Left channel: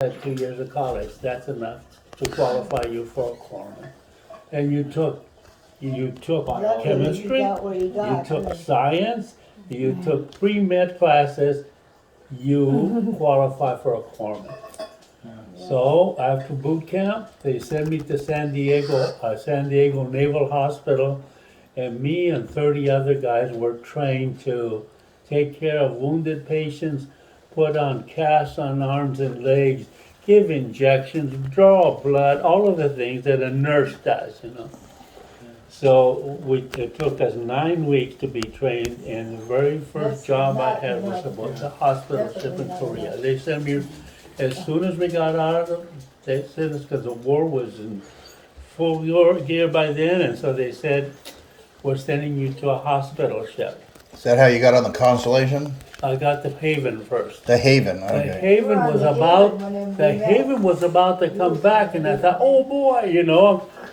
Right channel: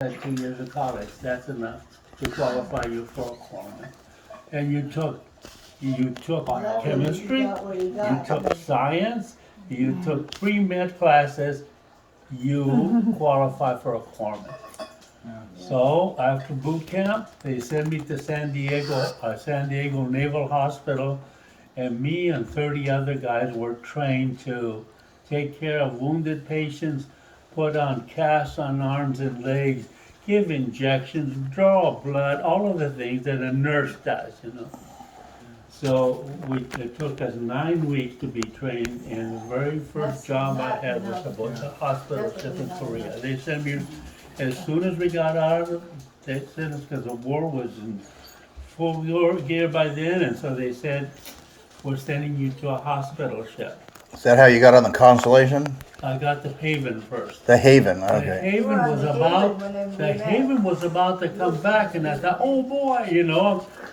had 2 years of college, that's enough to qualify you for a corpsman. And you took Luckily, chemistry, you got what you got. took science, you took pre-med classes, you qualify for a corpsman. So after boot camp, they sent me to San Diego Naval Hospital, and me and 30 other guys were trained to take care of wounded patients, put on casts on arms and legs, give injections, draw blood, all of the things that a nurse does. So it took us 9 weeks to be trained, and the very first That's job I not had was enough. about the hospital ship Definitely in not Korea. enough. They sent me, as soon as we got out of, they sent us, because the war was in full gear by then, and so they said, we're sending you to a hospital ship. Is that how you got on the Constellation? I got the Haven first. The Haven, The okay. Haven You were on was the about, Haven when we the met. Haven was about to come back, and I thought, oh boy,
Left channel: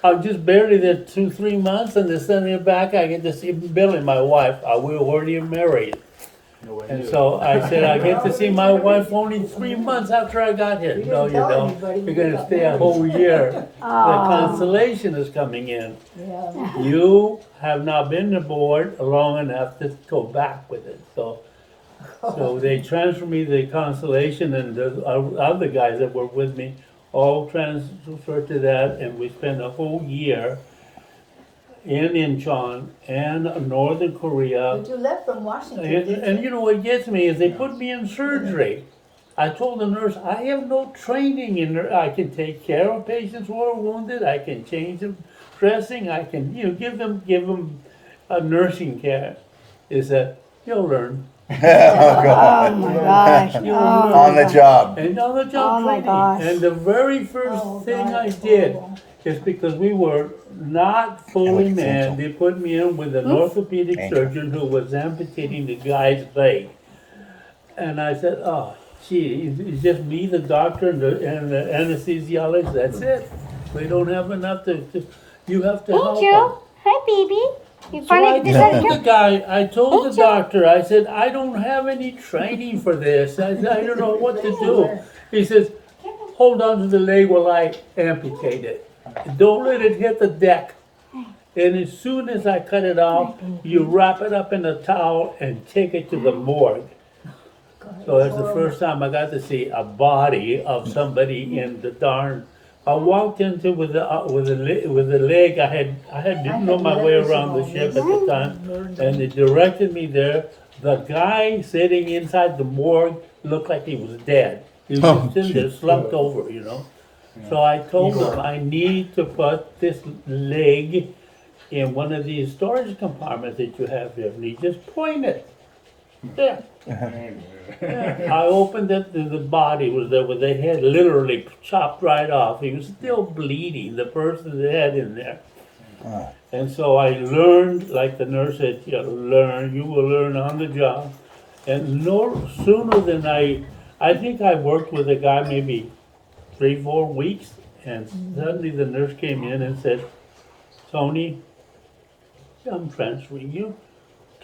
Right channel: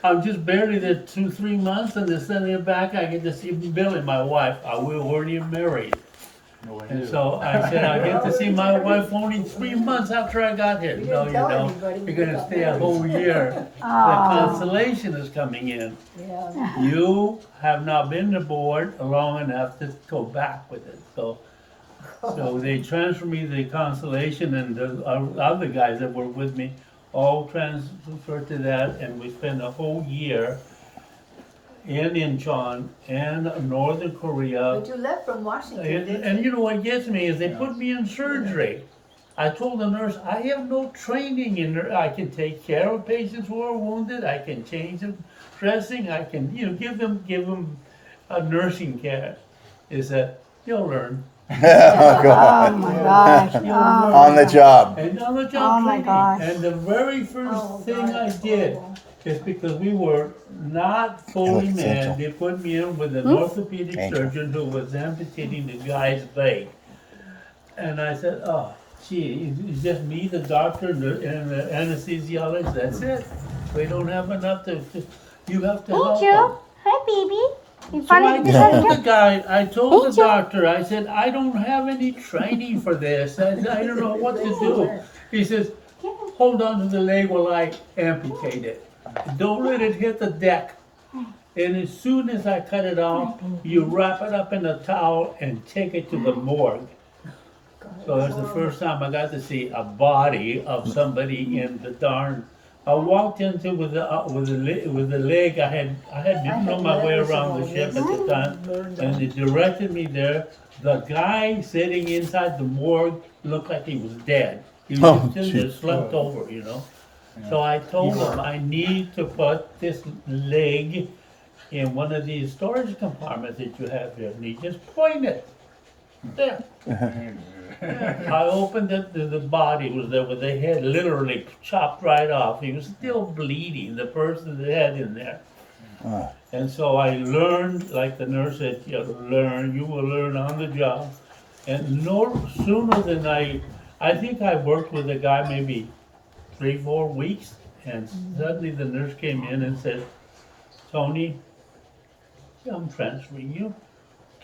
I'm just barely there 2-3 months, and they're sending it back. I get to see Billy, my wife. We were already married. And so I said, I get to see my wife only 3 months after I got here. You No, didn't you tell don't. anybody You're you gonna got stay a married. whole year. The Constellation is coming in. Yeah. You have not been aboard long enough to go back with it, so they transferred me to the Constellation, and the other guys that were with me all transferred to that, and we spent a whole year in Incheon and Northern Korea. But you left from Washington, And didn't you? what gets me is they put me in surgery. I told the nurse, I have no training in there. I can take care of patients who are wounded. I can change them dressing. I can, give them a nursing care. They said, you'll learn. Oh, God. Oh my gosh. You'll Oh, learn. On the job. And on the job Oh, my training. gosh. And the very first Oh, thing God, I that's did horrible. is because we were not fully Like manned, essential. they put me in with an orthopedic Ankle. surgeon who was amputating the guy's leg. And I said, oh, gee, it's just me, the doctor, and the anesthesiologist, that's it. We don't have enough you have to help them. Angel. Hi, baby. You So I finally told did the guy, I told the Angel. doctor, I said, I don't have any training for this. I said, I don't know what to do. He says, hold on to the leg while I amputate it. Don't let it hit the deck. And as soon as I cut it off, you wrap it up in a towel and take it to the morgue. So that's the first time I got to see a body of somebody in the darn. I walked into with the leg. I didn't know my way around the ship at the time, and they directed me there. The guy sitting inside the morgue looked like he was dead. He was Oh, just in there, jeez. slumped over. So I told him I need to put this leg in one of these storage compartments that you have here, and he just pointed. There. Yeah, I opened it, the body was there with the head literally chopped right off. He was still bleeding, the person's head in there. And so I learned, like the nurse said, you will learn on the job. And no sooner than I think I worked with a guy maybe 3-4 weeks, and suddenly the nurse came in and said, Tony, I'm transferring you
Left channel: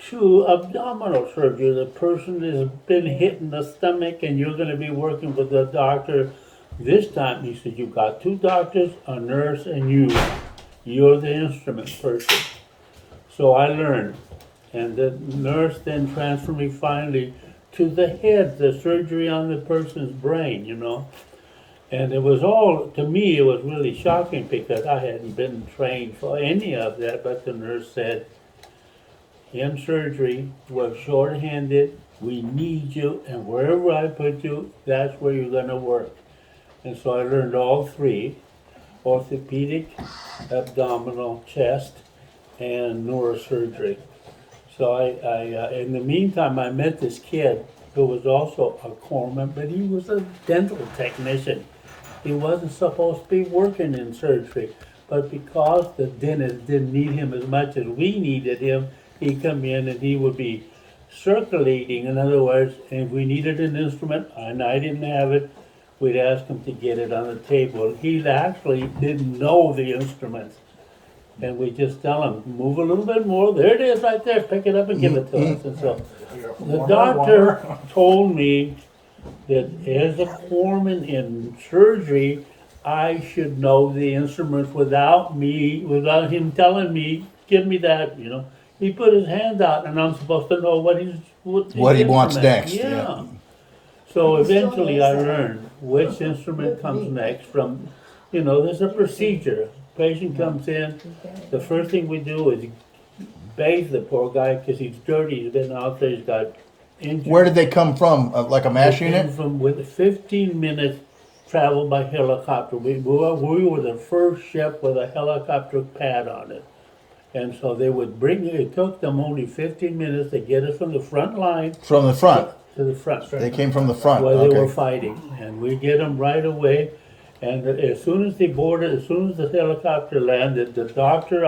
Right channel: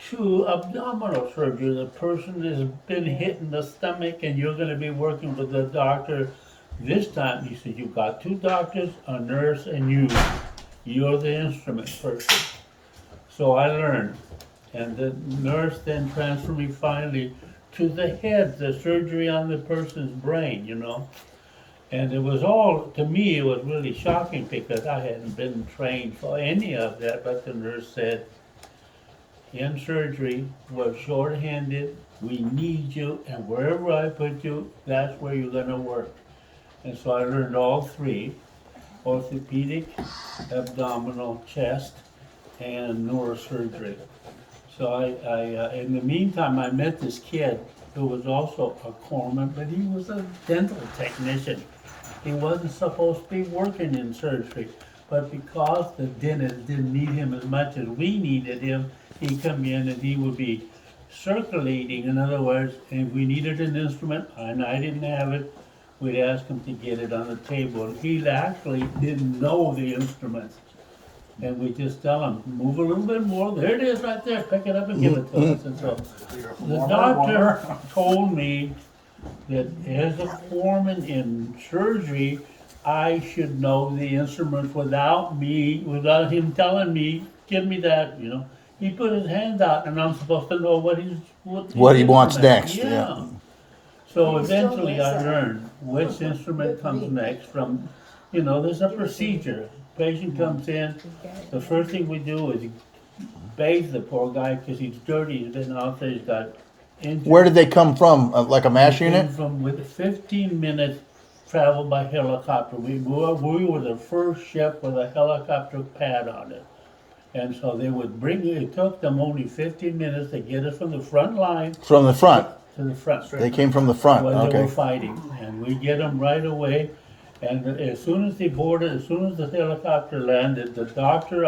to abdominal surgery. The person has been hit in the stomach, and you're gonna be working with the doctor. This time, he said, you've got 2 doctors, a nurse, and you. You're the instrument person. So I learned, and the nurse then transferred me finally to the head, the surgery on the person's brain. And it was all, to me, it was really shocking because I hadn't been trained for any of that, but the nurse said, in surgery, we're short-handed, we need you, and wherever I put you, that's where you're gonna work. And so I learned all 3, orthopedic, abdominal, chest, and neurosurgery. So in the meantime, I met this kid who was also a corpsman, but he was a dental technician. He wasn't supposed to be working in surgery, but because the dentist didn't need him as much as we needed him, he'd come in and he would be circulating. In other words, if we needed an instrument and I didn't have it, we'd ask him to get it on the table. He actually didn't know the instruments. And we just tell him, move a little bit more, there it is right there, pick it up and give it to us. And so the doctor told me that as a foreman in surgery, I should know the instruments without him telling me, give me that, you know. He put his hand out and I'm supposed to know what his What he wants instrument. next, yeah. So He still eventually knows I that. learned which instrument Good comes grief. next from, you know, there's a procedure. Patient comes in, the first thing we do is bathe the poor guy because he's dirty, he's been out there, he's got injuries. Where did they come from? Like a MASH They came unit? from with 15 minutes travel by helicopter. We were the first ship with a helicopter pad on it. And so they would bring it took them only 15 minutes to get us from the front line From the front. to the front They came from the front. where they were Okay. fighting. And we get them right away. And as soon as they boarded, as soon as the helicopter landed, the doctor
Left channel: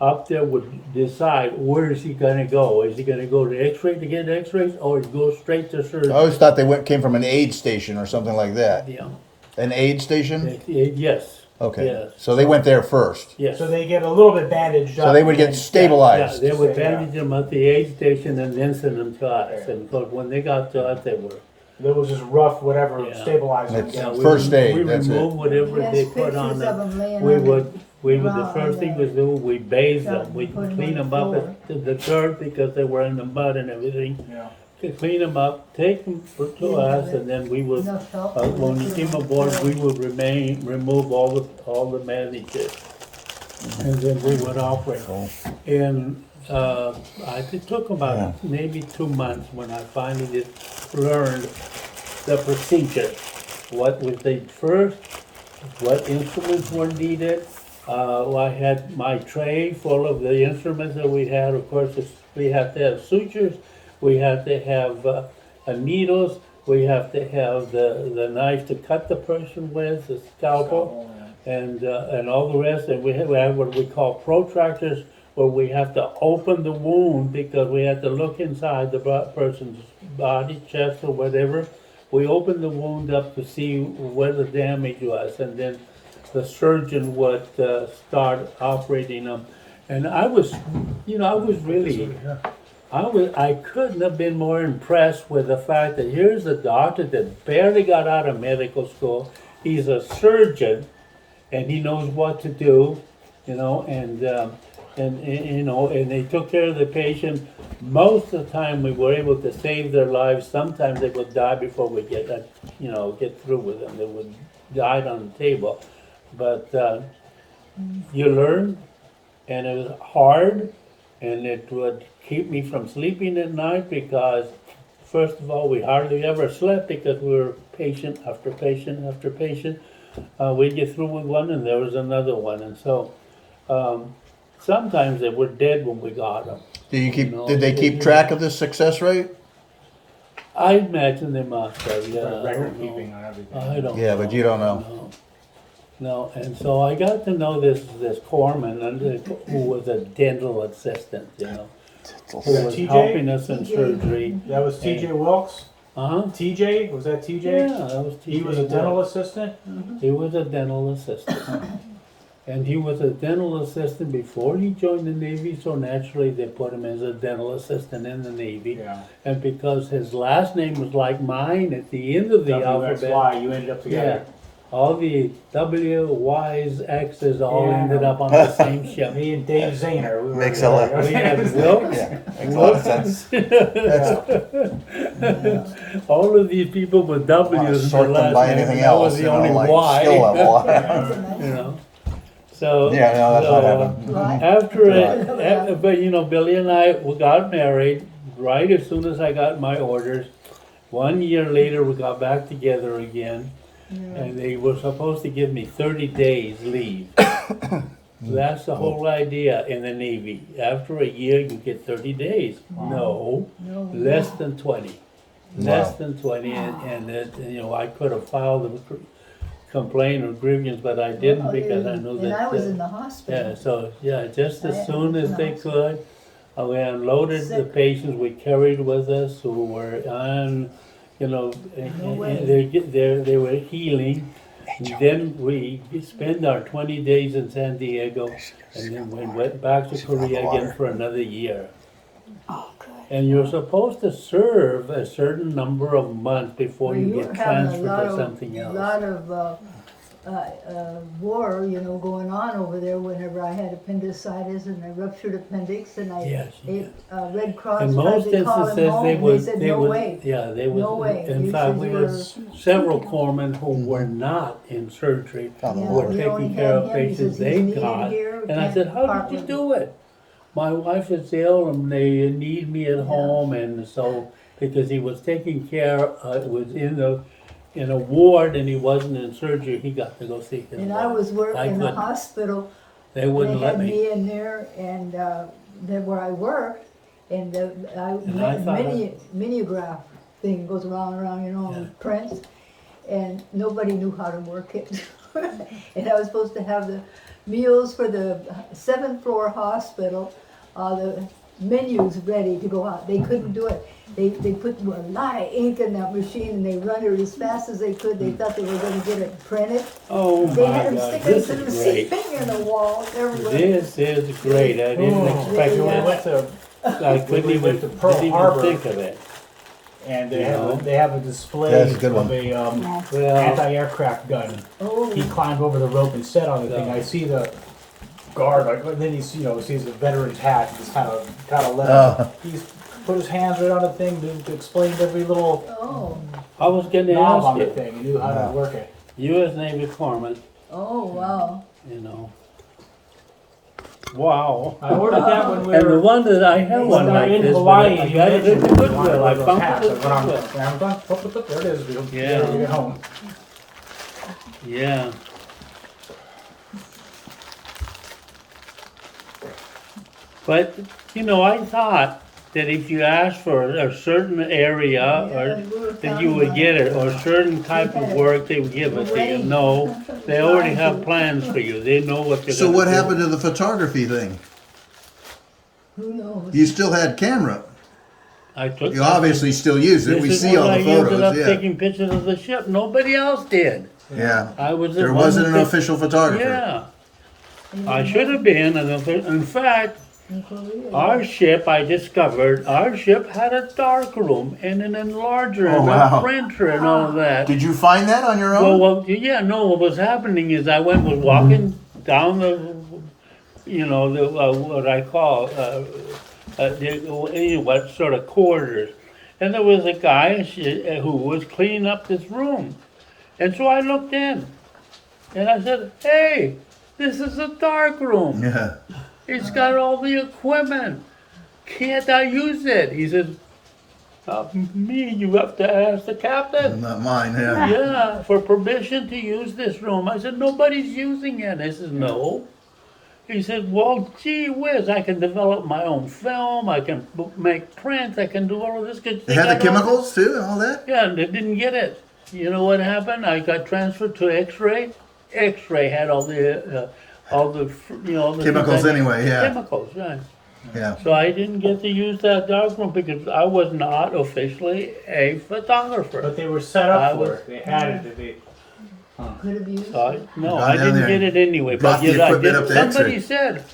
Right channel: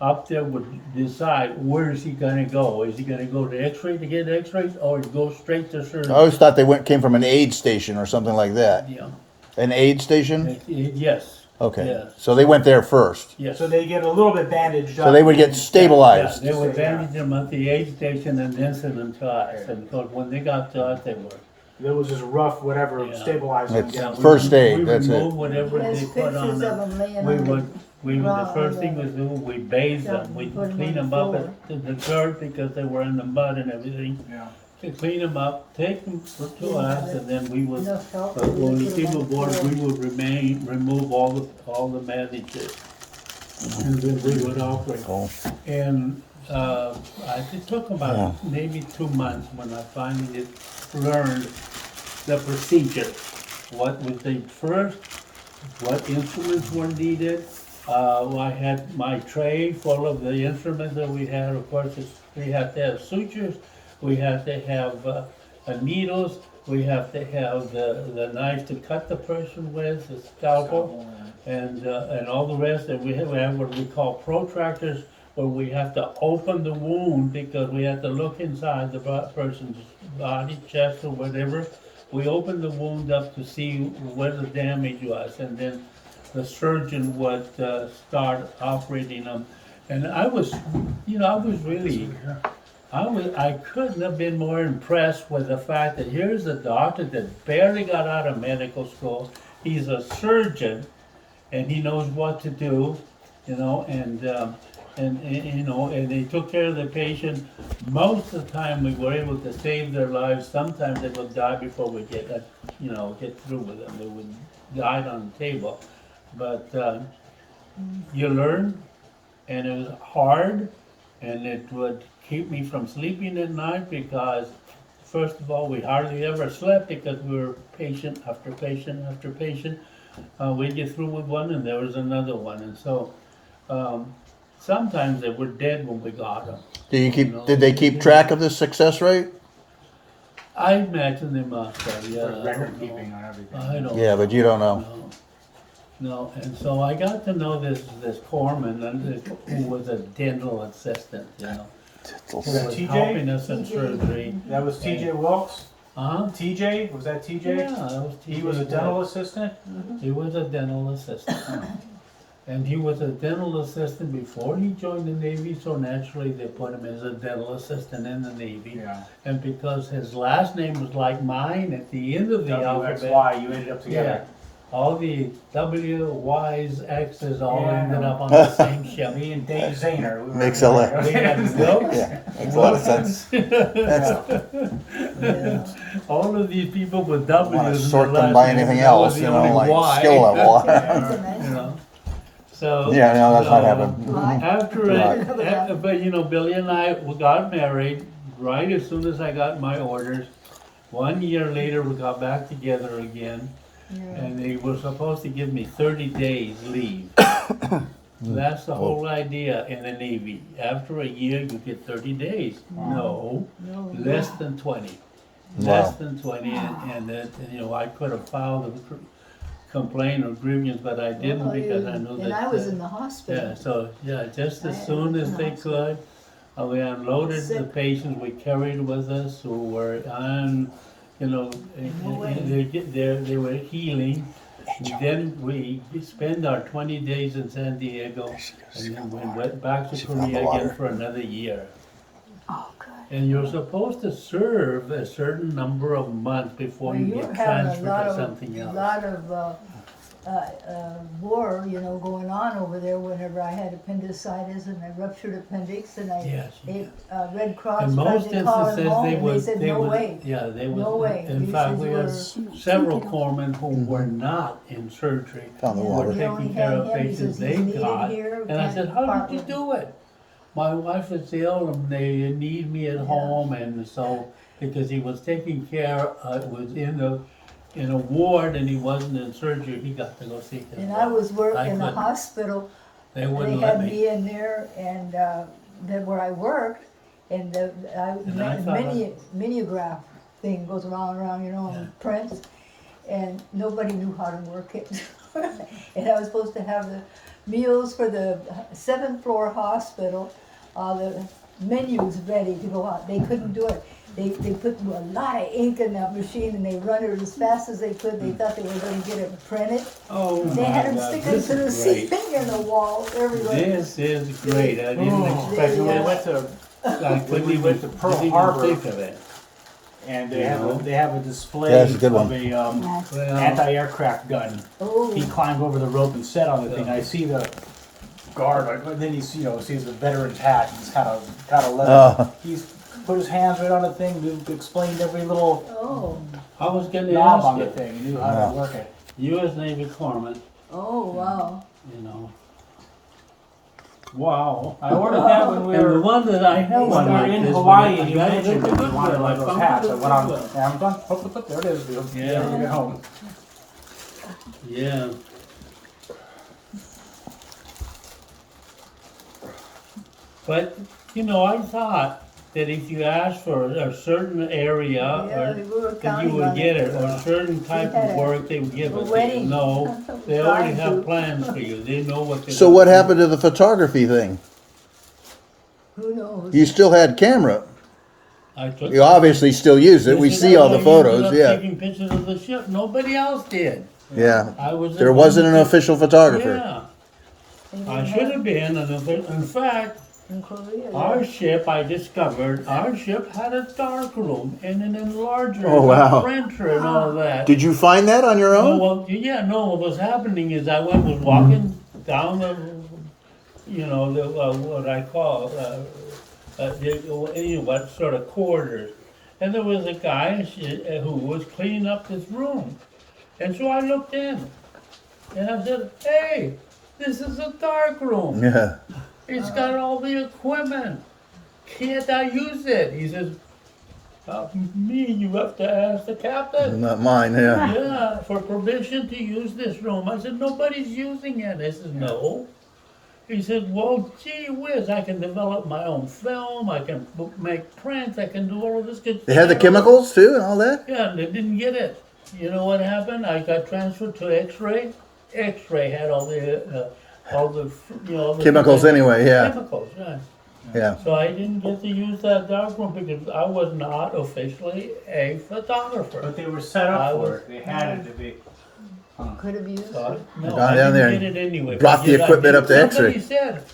up there would decide where is he gonna go. Is he gonna go to X-ray to get X-rays, or go straight to surgery? I always thought they came from an aid station or something like that. Yeah. An aid station? Yes. Okay. Yes. So they went there first. Yes. So they get a little bit bandaged up. So they would get and- Yeah, stabilized. they would bandage them at the aid station and then send them to us. And because when they got to us, they were. There was just rough, whatever, Yeah. stabilizing. It's- Yeah, First aid, We that's it. removed whatever they There's put on pictures them. of them laying We on would, the ground first on thing the- was do, we bathe them. Yeah, We'd put 'em clean on them the up at the dirt because they were in the mud and everything. Yeah. To clean them up, take them to us, and then we would, Enough help. when we Put 'em came on the aboard, floor. we would remove all the bandages. And then we would operate. Cool. And it took about maybe 2 months when I finally learned the procedure. What was the first, what instruments were needed. I had my tray full of the instruments that we had. Of course, we have to have sutures, we have to have needles, we have to have the knife to cut the person with, the scalpel, and all the rest. And we have what we call protractors, where we have to open the wound because we have to look inside the person's body, chest, or whatever. We open the wound up to see where the damage was, and then the surgeon would start operating them. And I was I couldn't have been more impressed with the fact that here's a doctor that barely got out of medical school. He's a surgeon, and he knows what to do, you know, and they took care of the patient. Most of the time, we were able to save their lives. Sometimes they would die before we get through with them. They would die on the table. But you learn, and it was hard, and it would keep me from sleeping at night because, first of all, we hardly ever slept because we were patient after patient after patient. We'd get through with one, and there was another one, and so sometimes they were dead when we got them. Did they keep track of the success rate? I imagine they must have, yeah. I Record don't know. keeping on everything. I don't Yeah, but you don't know. No, and so I got to know this corpsman who was a dental assistant, you know, who was TJ? helping us in TJ. surgery. That was TJ Wilkes? TJ? Was that TJ? Yeah, that was TJ. He was a dental assistant? He was a dental assistant. And he was a dental assistant before he joined the Navy, so naturally they put him as a dental assistant in the Navy. Yeah. And because his last name was like mine at the end of the alphabet, WXY, you ended up yeah, together. all the W, Y's, X's all Yeah, I ended know. up on the same ship. Me and Dave Zahner. We were Makes a together. lot- We had Wilkes, Makes a lot of sense. all of these people with W's in their Sort them by last name, anything and I was else, the you know, only like Y. skill level. That's a nice You one. know, so. Yeah, no, that's what happened. Right. After but you know, Billy and I we got married right as soon as I got my orders. 1 year later, we got back together again, and they were supposed to give me 30 days leave. That's the whole idea in the Navy. After a year, you get 30 days. No, less than 20. Less than 20, and I could have filed a complaint or grievance, but I didn't because I knew that. And I was in the hospital. Yeah, so, just I as had soon to as be they in the could, we unloaded the Sick. patients we carried with us who were on, way. they were healing. And then we spent our 20 days in San Diego, and then we went back to Korea again for another year. Oh, good. And you're supposed to serve a certain number of months before Well, you were get having a transferred lot to of- something else. Lot of, war, going on over there whenever I had appendicitis and I ruptured appendix and Yes, Red Cross In tried most to call him instances, home they and they would, said, they no would, way. yeah, they No would. way. In You fact, said we you had were- several corpsmen who were not in surgery, On the Yeah, water. were we only taking care had of him patients because they he's needed got. here, And I can't said, how part did you with do it? My wife is ill and they need me at home, and so, because he was taking care, was in a ward and he wasn't in surgery, he got to go see his wife. And I was working in the couldn't. hospital. They They wouldn't let had me. me in there and, then where I worked, and I thought mimeograph thing goes around, and prints, and nobody knew how to work it. And I was supposed to have the meals for the 7th floor hospital, the menus ready to go out. They couldn't do it. They put a lot of ink in that machine and they run it as fast as they could. They thought they were gonna get it printed. Oh They my had them God, sticking this to the is great. ceiling and the walls everywhere. This is great, I didn't Oh, expect they, We this. went to, I couldn't we even, went to Pearl didn't even Harbor. think of it. and You know? they have a Yeah, display it's a good of one. a Well, anti-aircraft gun. Oh, He climbed over the rope and set on the thing. Yeah. I see the guard, and then he's sees the veteran's hat. He's kind of let him. He's put his hands right on the thing to explain every little oh, I was gonna knob ask on the you, thing. He knew how to Yeah. work it. U.S. Navy corpsman, oh, wow. you know. Wow. I ordered that when we And the were one that I have one like in this, but Hawaii. I He got it mentioned at the he wanted Goodwill, one I of those found hats. it I at went on the Goodwill. Amazon. There it is. Yeah. Get it home. Yeah. But, I thought that if you asked for a certain area, Yeah, or we were that counting you would on get it. it, or a certain type of had work, they would give it to you. wedding. No, they already Trying have to. plans for you, they know what they're So gonna what do. happened to the photography thing? Who knows? You still had camera. I took. You obviously still use it. This We is see when all the I ended photos. up Yeah. taking pictures of the ship, nobody else did. Yeah. I was the There one wasn't that an took- official photographer. Yeah, You I know, should have been, and in fact, in Korea, our ship, I discovered, our ship had a dark room and an enlarger Oh, and a wow. printer and all that. Did you find that on your Well, own? what was happening is I was walking down the, what I call, what sort of corridors. And there was a guy who was cleaning up this room. And so I looked in and I said, hey, this is a dark room. Yeah. It's got all the equipment. Can't I use it? He says, me, you have to ask the captain. Not mine. Yeah. Yeah, for permission to use this room. I said, nobody's using it. I said, no. He said, well, gee whiz, I can develop my own film. I can make prints. I can do all of this. 'Cause They had the got all- chemicals too and all that. Yeah, and they didn't get it. You know what happened? I got transferred to X-ray. X-ray had all the all the Chemicals things I- anyway, yeah. Chemicals, right. Yeah. So I didn't get to use that darkroom because I was not officially a photographer. But they were set I up for was- it. They had it to be. could have used So it. no, Gone I down didn't there get and it anyway. brought the yet I equipment did- up to Somebody X-ray. said,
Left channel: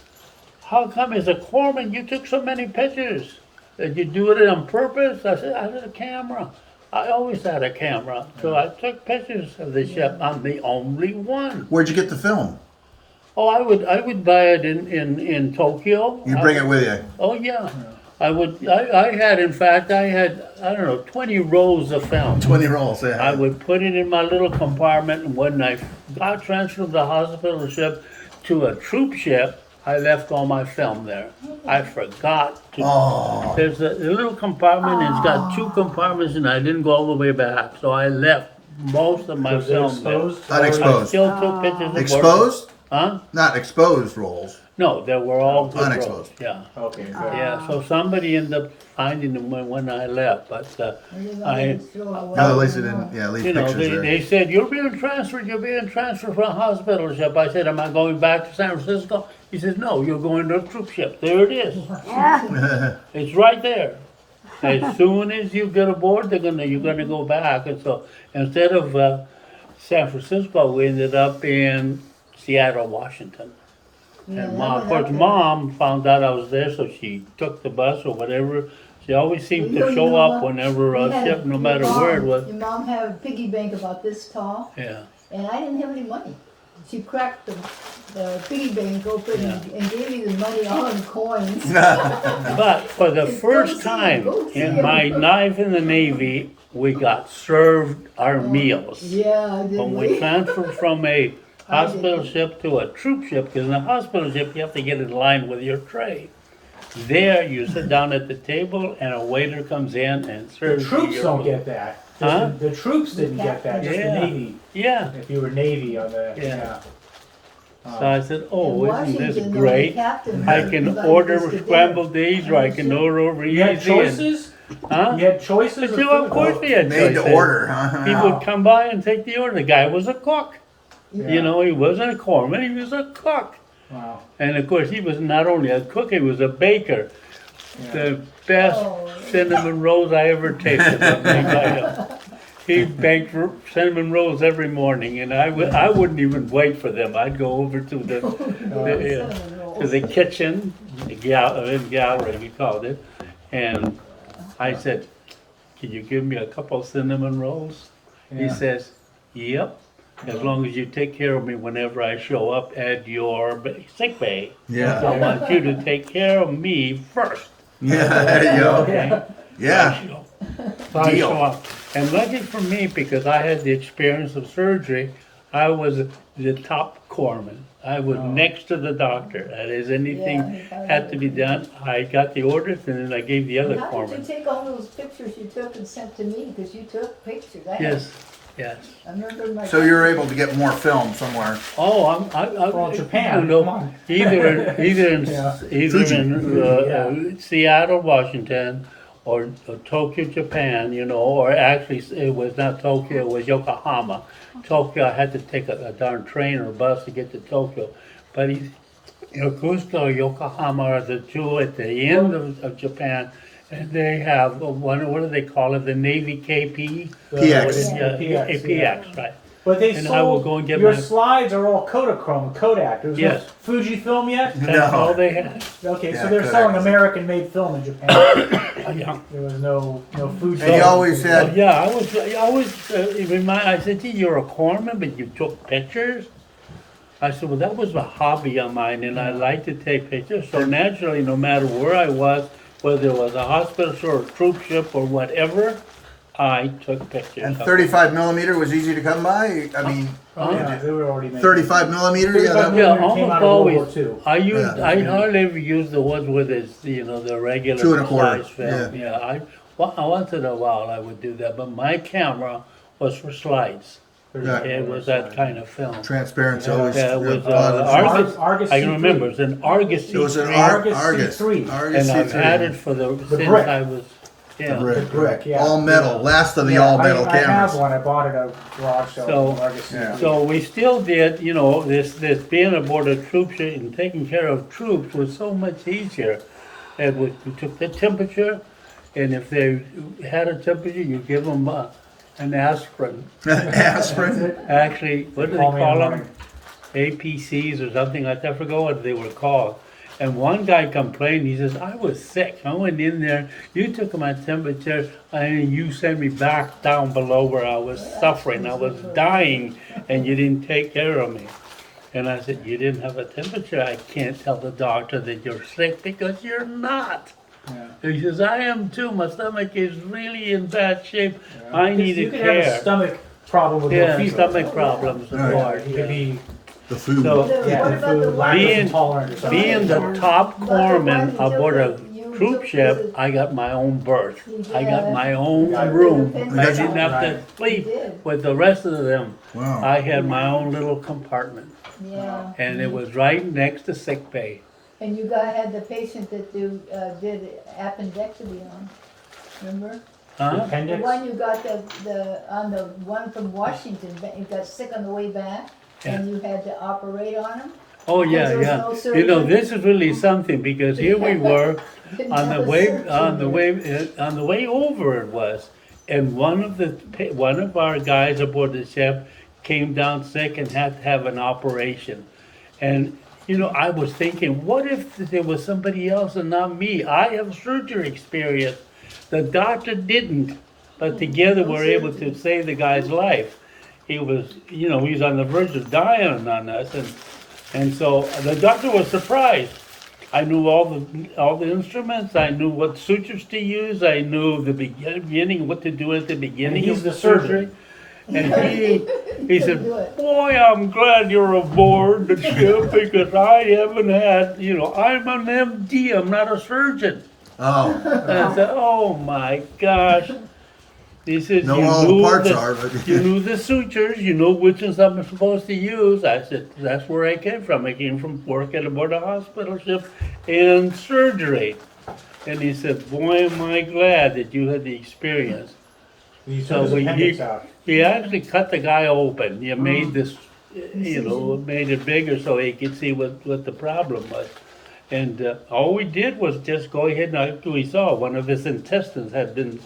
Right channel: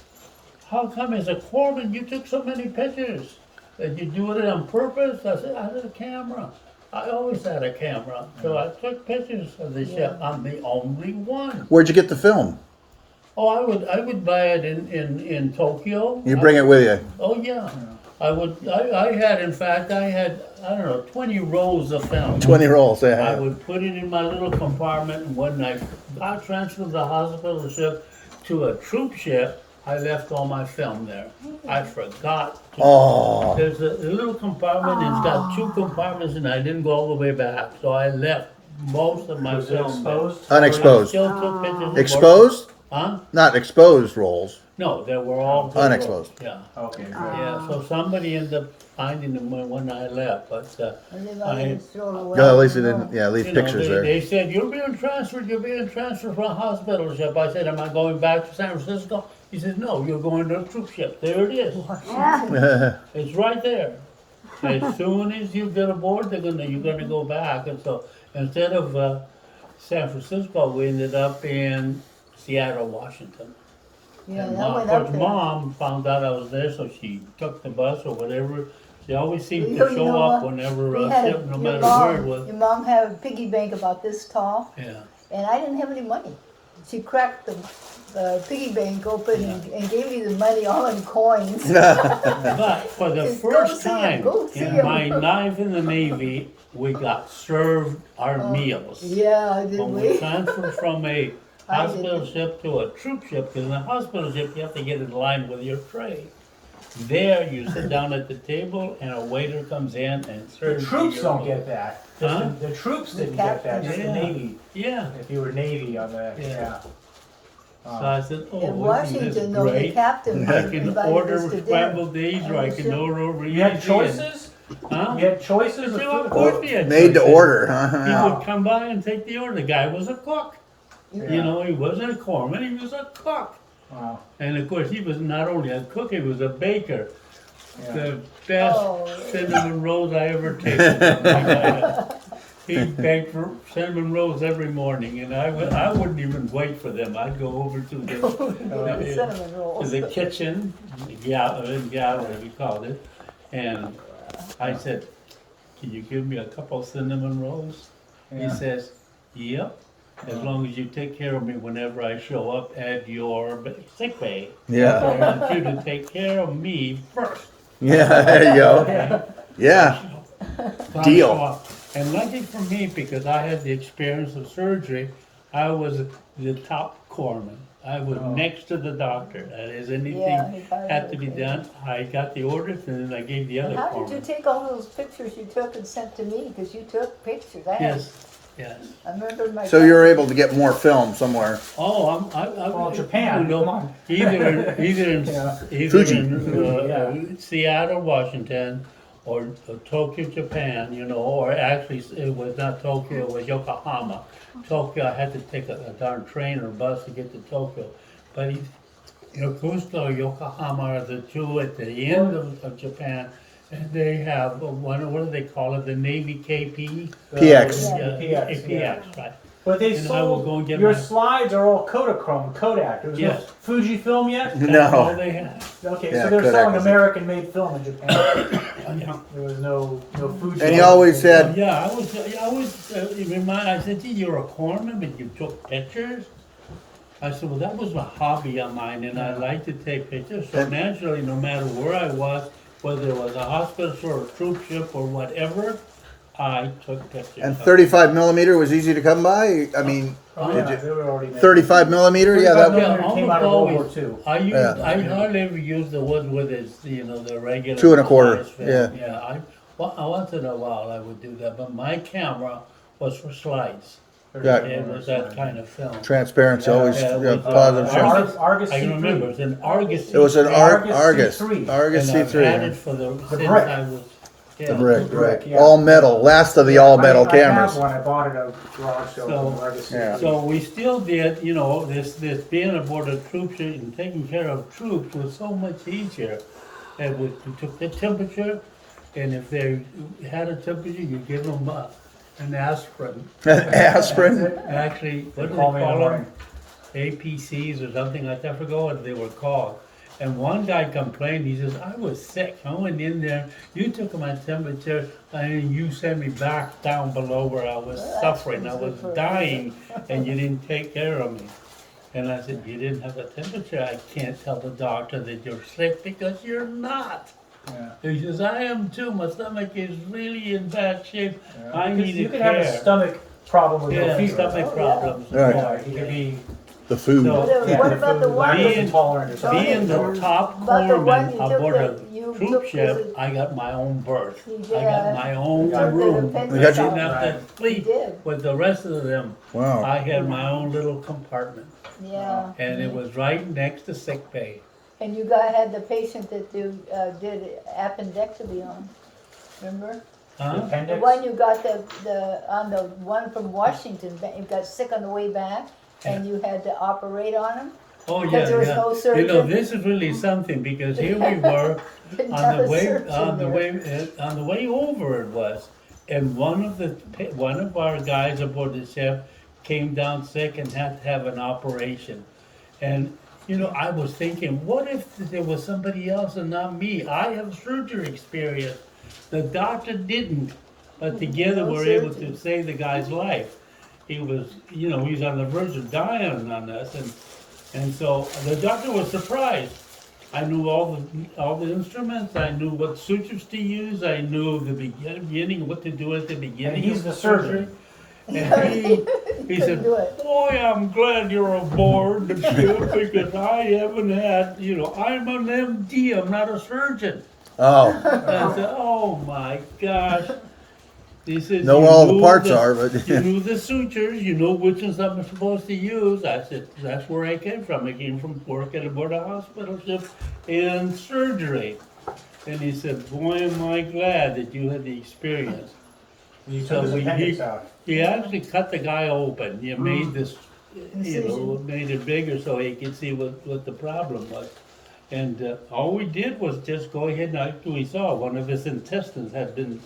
how come as a corpsman you took so many pictures? Did you do it on purpose? I said, I had a camera. I always had a camera. So I took pictures of the ship. I'm the only one. Where'd you get the film? Oh, I would buy it in Tokyo. You bring it with you. Oh, yeah. I had, in fact, I don't know, 20 rolls of film. 20 rolls. Yeah. I would put it in my little compartment, and when I got transferred from the hospital ship to a troop ship, I left all my film there. I forgot to. Oh. There's a little compartment, and it's got two compartments, and I didn't go all the way back, so I left most of my Was it film there. exposed? I Unexposed. still took pictures of Exposed? Huh? Not exposed rolls. No, they were all good Unexposed. rolls, Yeah. Okay, good. Yeah, so somebody ended up finding them when I left, but, And then I- just throw it away. Well, at least it didn't. Yeah, leave you know, pictures there. they said, you're being transferred from a hospital ship. I said, am I going back to San Francisco? He says, no, you're going to a troop ship. There it is. It's right there. As soon as you get aboard, you're gonna go back. And so instead of San Francisco, we ended up in Seattle, Washington. Yeah, And that of went course, up there. Mom found out I was there, so she took the bus or whatever, She always seemed You to know show up what? whenever We a had ship, no your matter mom- where it was. Your mom had a piggy bank about this tall, Yeah, and I didn't have any money. She cracked the piggy bank open and gave me the money all in coins. but for the Go first see 'em, time go see in 'em. my life in the Navy, we got served our meals. Yeah, did When we we? transferred from a hospital didn't. ship to a troop ship, because in a hospital ship, you have to get in line with your tray. There, you sit down at the table and a waiter comes in and The serves you troops your don't food. get that. Huh? The troops didn't get that, just the Yeah. Navy. Yeah, If you were Navy on the, Yeah. yeah. so I said, In oh, isn't this Washington, though, the great? captain I was can invited order us to dinner. scrambled eggs, or I can order over You had easy. and- choices? Huh? You had choices But of you, of food? course we had Made to choices. order, huh? He would come by and take the order. The guy was a cook. Yeah. You know, he wasn't a corpsman, he was a cook. Wow. And of course, he was not only a cook, he was a baker. Yeah. The best Oh. cinnamon rolls I ever tasted was made by him. He baked cinnamon rolls every morning, and I wouldn't even wait for them. I'd go over to the Cinnamon rolls. to the kitchen, the gallery we called it, and I said, "Can you give me a couple cinnamon rolls?" He Yeah. says, "Yep, as long as you take care of me whenever I show up at your sick bay. Yeah. I want you to take care of me first." Yeah, there you go. Okay? Yeah. So I Deal. show up. And lucky for me, because I had the experience of surgery, I was the top corpsman. I was next to the doctor. That is, anything Yeah, he got had to be done, I got the orders, and then I gave the other How did you corpsman. take all those pictures you took and sent to me? Because you took pictures. I had- Yes, yes. I remember my. So you're able to get more film somewhere. Oh, Well, Japan, you know, come on. either in Yeah. Seattle, Washington, or Tokyo, Japan, you know, or actually it was not Tokyo, it was Yokohama. Tokyo, I had to take a darn train or bus to get to Tokyo, but Yokosuka or Yokohama are the two at the end of Japan, and they have one. What do they call it? The Navy KP. PX. What is- yeah, PX, PX, right? But they And sold, I will go and get your my- slides are all Kodachrome, Kodak. There's Yes. no Fujifilm yet? That's No. all they had. Okay, Yeah, so they're Kodak selling is- American-made film in Japan. Yeah. There was no Fujifilm. And you always Oh, said, yeah, I always I said, "Gee, you're a corpsman, but you took pictures?" I said, "Well, that was a hobby of mine, and I like to take pictures." So naturally, no matter where I was, whether it was a hospital or a troop ship or whatever, I took pictures. and of 35 millimeter was easy to come by. I mean, Oh, yeah, they were already made. 35 millimeter. Yeah, 35 that, them. Yeah, millimeter came almost out of World War always. II. I used. Yeah. I hardly ever use the ones with its, the regular 2 1/4, size film. Yeah, once in a while I would do that, but my camera was for slides. Right. It was that kind of film. transparency always. Yeah, it was positive. Argus. Argus I can C3. remember it's an Argus It was an C3, Argus Argus. C3. Argus and I've C3. had it for since brick. I was. Yeah. The brick. Brick, yeah. All metal. Last of the all metal I cameras. have one. I bought it at a garage sale. So- from Argus Yeah. C3. So we still did, this being aboard a troop ship and taking care of troops was so much easier. We took the temperature, and if they had a temperature, you give them an aspirin. Aspirin. Actually, what do they Call me in call the them? morning. APCs or something like that. I forgot what they were called. And one guy complained. He says, "I was sick. I went in there. You took my temperature, and you sent me back down below where I was suffering. I was dying, and you didn't take care of me." And I said, "You didn't have a temperature. I can't tell the doctor that you're sick because you're not." Yeah. He says, "I am too. My stomach is really in bad shape. I You needed could have a care." stomach problem with no Yeah, fever. stomach problems, of Right. course. It could be The food. So, yeah, What the about the food, one? lactose Being- intolerant or something. being the top But the one corpsman you aboard a took you troop took ship, the- I got my own berth. I got Yeah. my own Yeah. room. The I defense didn't have to Right. sleep You did. with the rest of them. Wow. I had my own little compartment, Yeah. and it was right next to sick bay. And you had the patient that did appendectomy on, remember? The Huh? The appendix. one you got on the one from Washington, you got sick on the way back, and you had to operate on him? Oh, Because yeah, there was yeah. no You know, surgeon? this is really something, because here we were, Didn't on have the a way, surgeon on the there. way, on the way over it was, and one of our guys aboard the ship came down sick and had to have an operation. And, I was thinking, what if there was somebody else and not me? I have surgery experience. The doctor didn't, but together we're able to save the guy's life. He was, he was on the verge of dying on us, and so the doctor was surprised. I knew all the instruments. I knew what sutures to use. I knew the beginning, what to do at the beginning he's of the the surgery. surgeon. And he couldn't said, do it. "Boy, I'm glad you're aboard the ship because I haven't had, I'm an MD. I'm not a surgeon." Oh, And I said, "Oh my gosh." He says, know "You where all the knew parts are, but you knew the sutures, you know which ones I'm supposed to use." I said, "That's where I came from. I came from working aboard a hospital ship in surgery." And he said, "Boy, am I glad that you had the experience." And he So took his appendix out. he actually cut the guy open. You made this, Incision. made it bigger so he could see what the problem was. And all we did was just go ahead and after we saw one of his intestines had been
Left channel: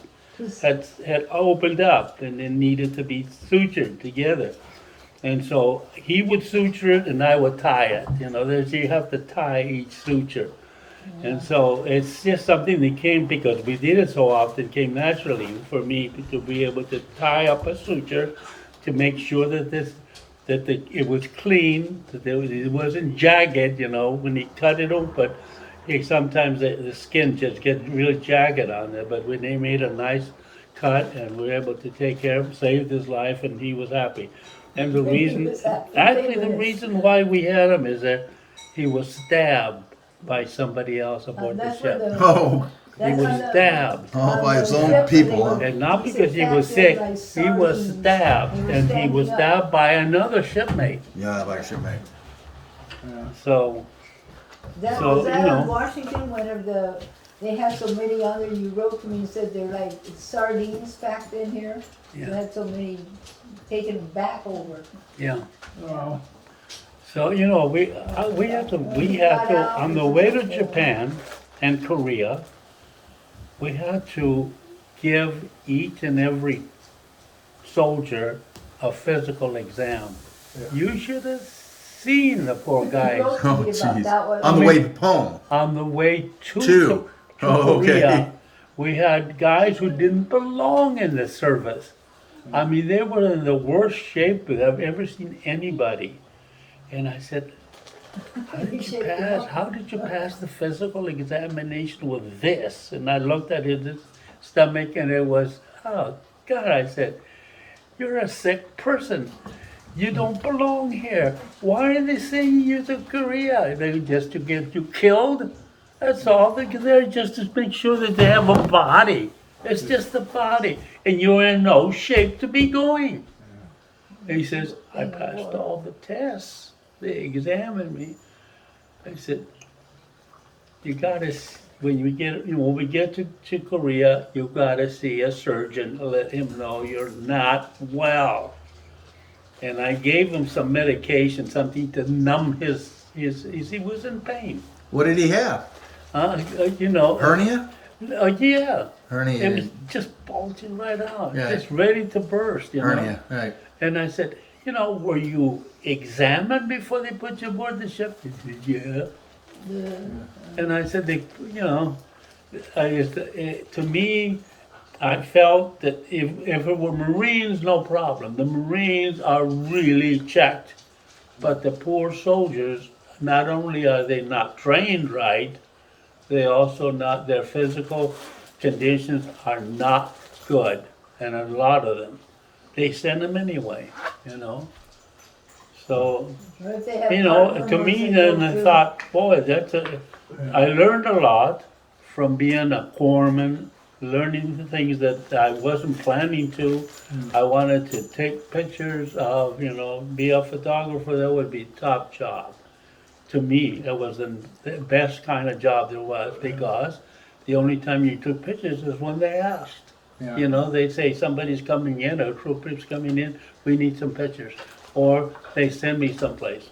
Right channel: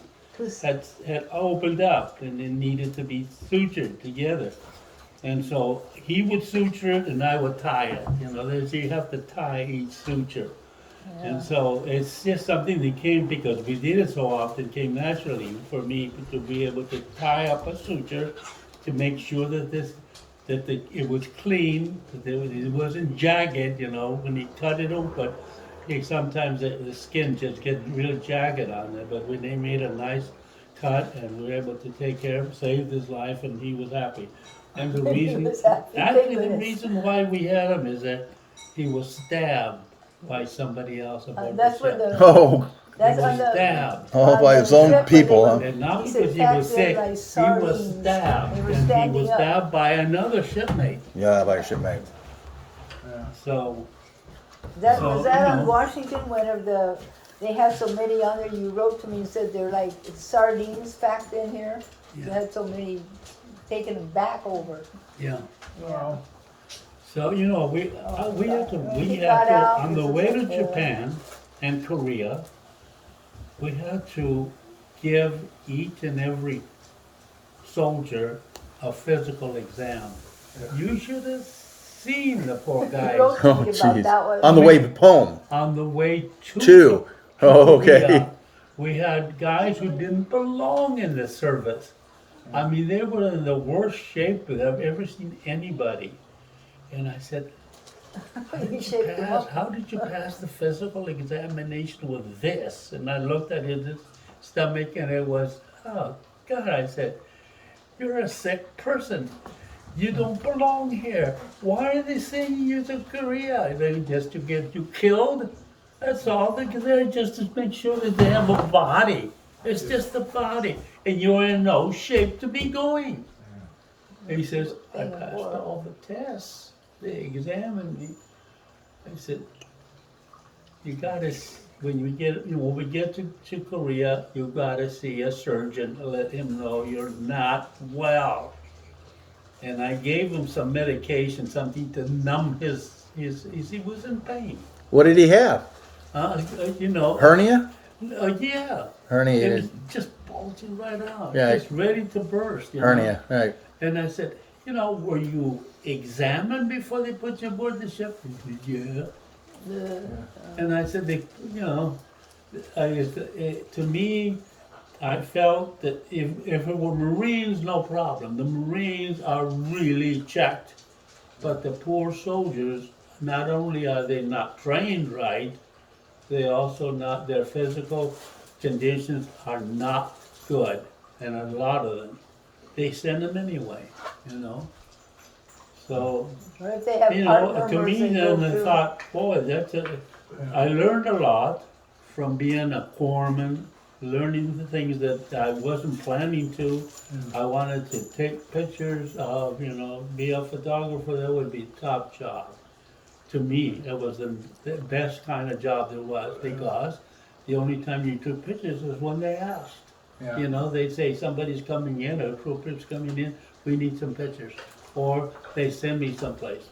had opened up and it needed to be sutured together. And so he would suture it and I would tie it. You have to tie each suture. And so it's just something that came because we did it so often, came naturally for me to be able to tie up a suture to make sure that it was clean, that it wasn't jagged, when he cut it open. Sometimes the skin just gets really jagged on there, but when they made a nice cut and we were able to take care of him, saved his life, and he was happy. And the He reason, was happy, actually, thank the goodness. reason why we had him is that he was stabbed by somebody else aboard the That's where ship. the, oh, He that's was on the. stabbed. all on by the his own ship, people, they huh? were- And not he's because he was attacked there sick, like he was sardines. stabbed, They were and he was standing up. stabbed by another shipmate. Yeah, by a shipmate. So, That So, was that you know. on Washington, whenever they had so many on there, you wrote to me and said they're like sardines packed in here. You Yeah. had so many taken them back over. yeah. Oh. So, we had to, on the way to Japan and Korea, we had to give each and every soldier a physical exam. You should have seen the poor You guys wrote to Oh, me about jeez. that one. On the way home. on the way to Two. Oh, okay. Korea. We had guys who didn't belong in the service. I mean, they were in the worst shape that I've ever seen anybody. And I said, how did you shaped them pass? up. How did you pass the physical examination with this? And I looked at his stomach, and it was, oh God! I said, you're a sick person. You don't belong here. Why are they sending you to Korea? They just to get you killed? That's all. They're there just to make sure that they have a body. It's just a body, and you're in no shape to be going. And he says, I passed all the tests. They examined me. I said, you gotta, when we get to Korea, you gotta see a surgeon, let him know you're not well. And I gave him some medication, something to numb he was in pain. What did he have? Yeah. Hernia? It was Hernia. just bulging right out, Yeah. just ready to burst, Hernia, right. And I said, were you examined before they put you aboard the ship? He said, yeah. And I said, to me, I felt that if it were Marines, no problem. The Marines are really checked. But the poor soldiers, not only are they not trained right, they also their physical conditions are not good. And a lot of them. They send them anyway, So, Or if they have heart to me murmurs, they then go I through. thought, boy, I learned a lot from being a corpsman, learning the things that I wasn't planning to. I wanted to take pictures of, be a photographer. That would be top job. To me, that was the best kind of job there was because the only time you took pictures is when they asked. Yeah. They say somebody's coming in, a trooper's coming in, we need some pictures. Or they send me someplace.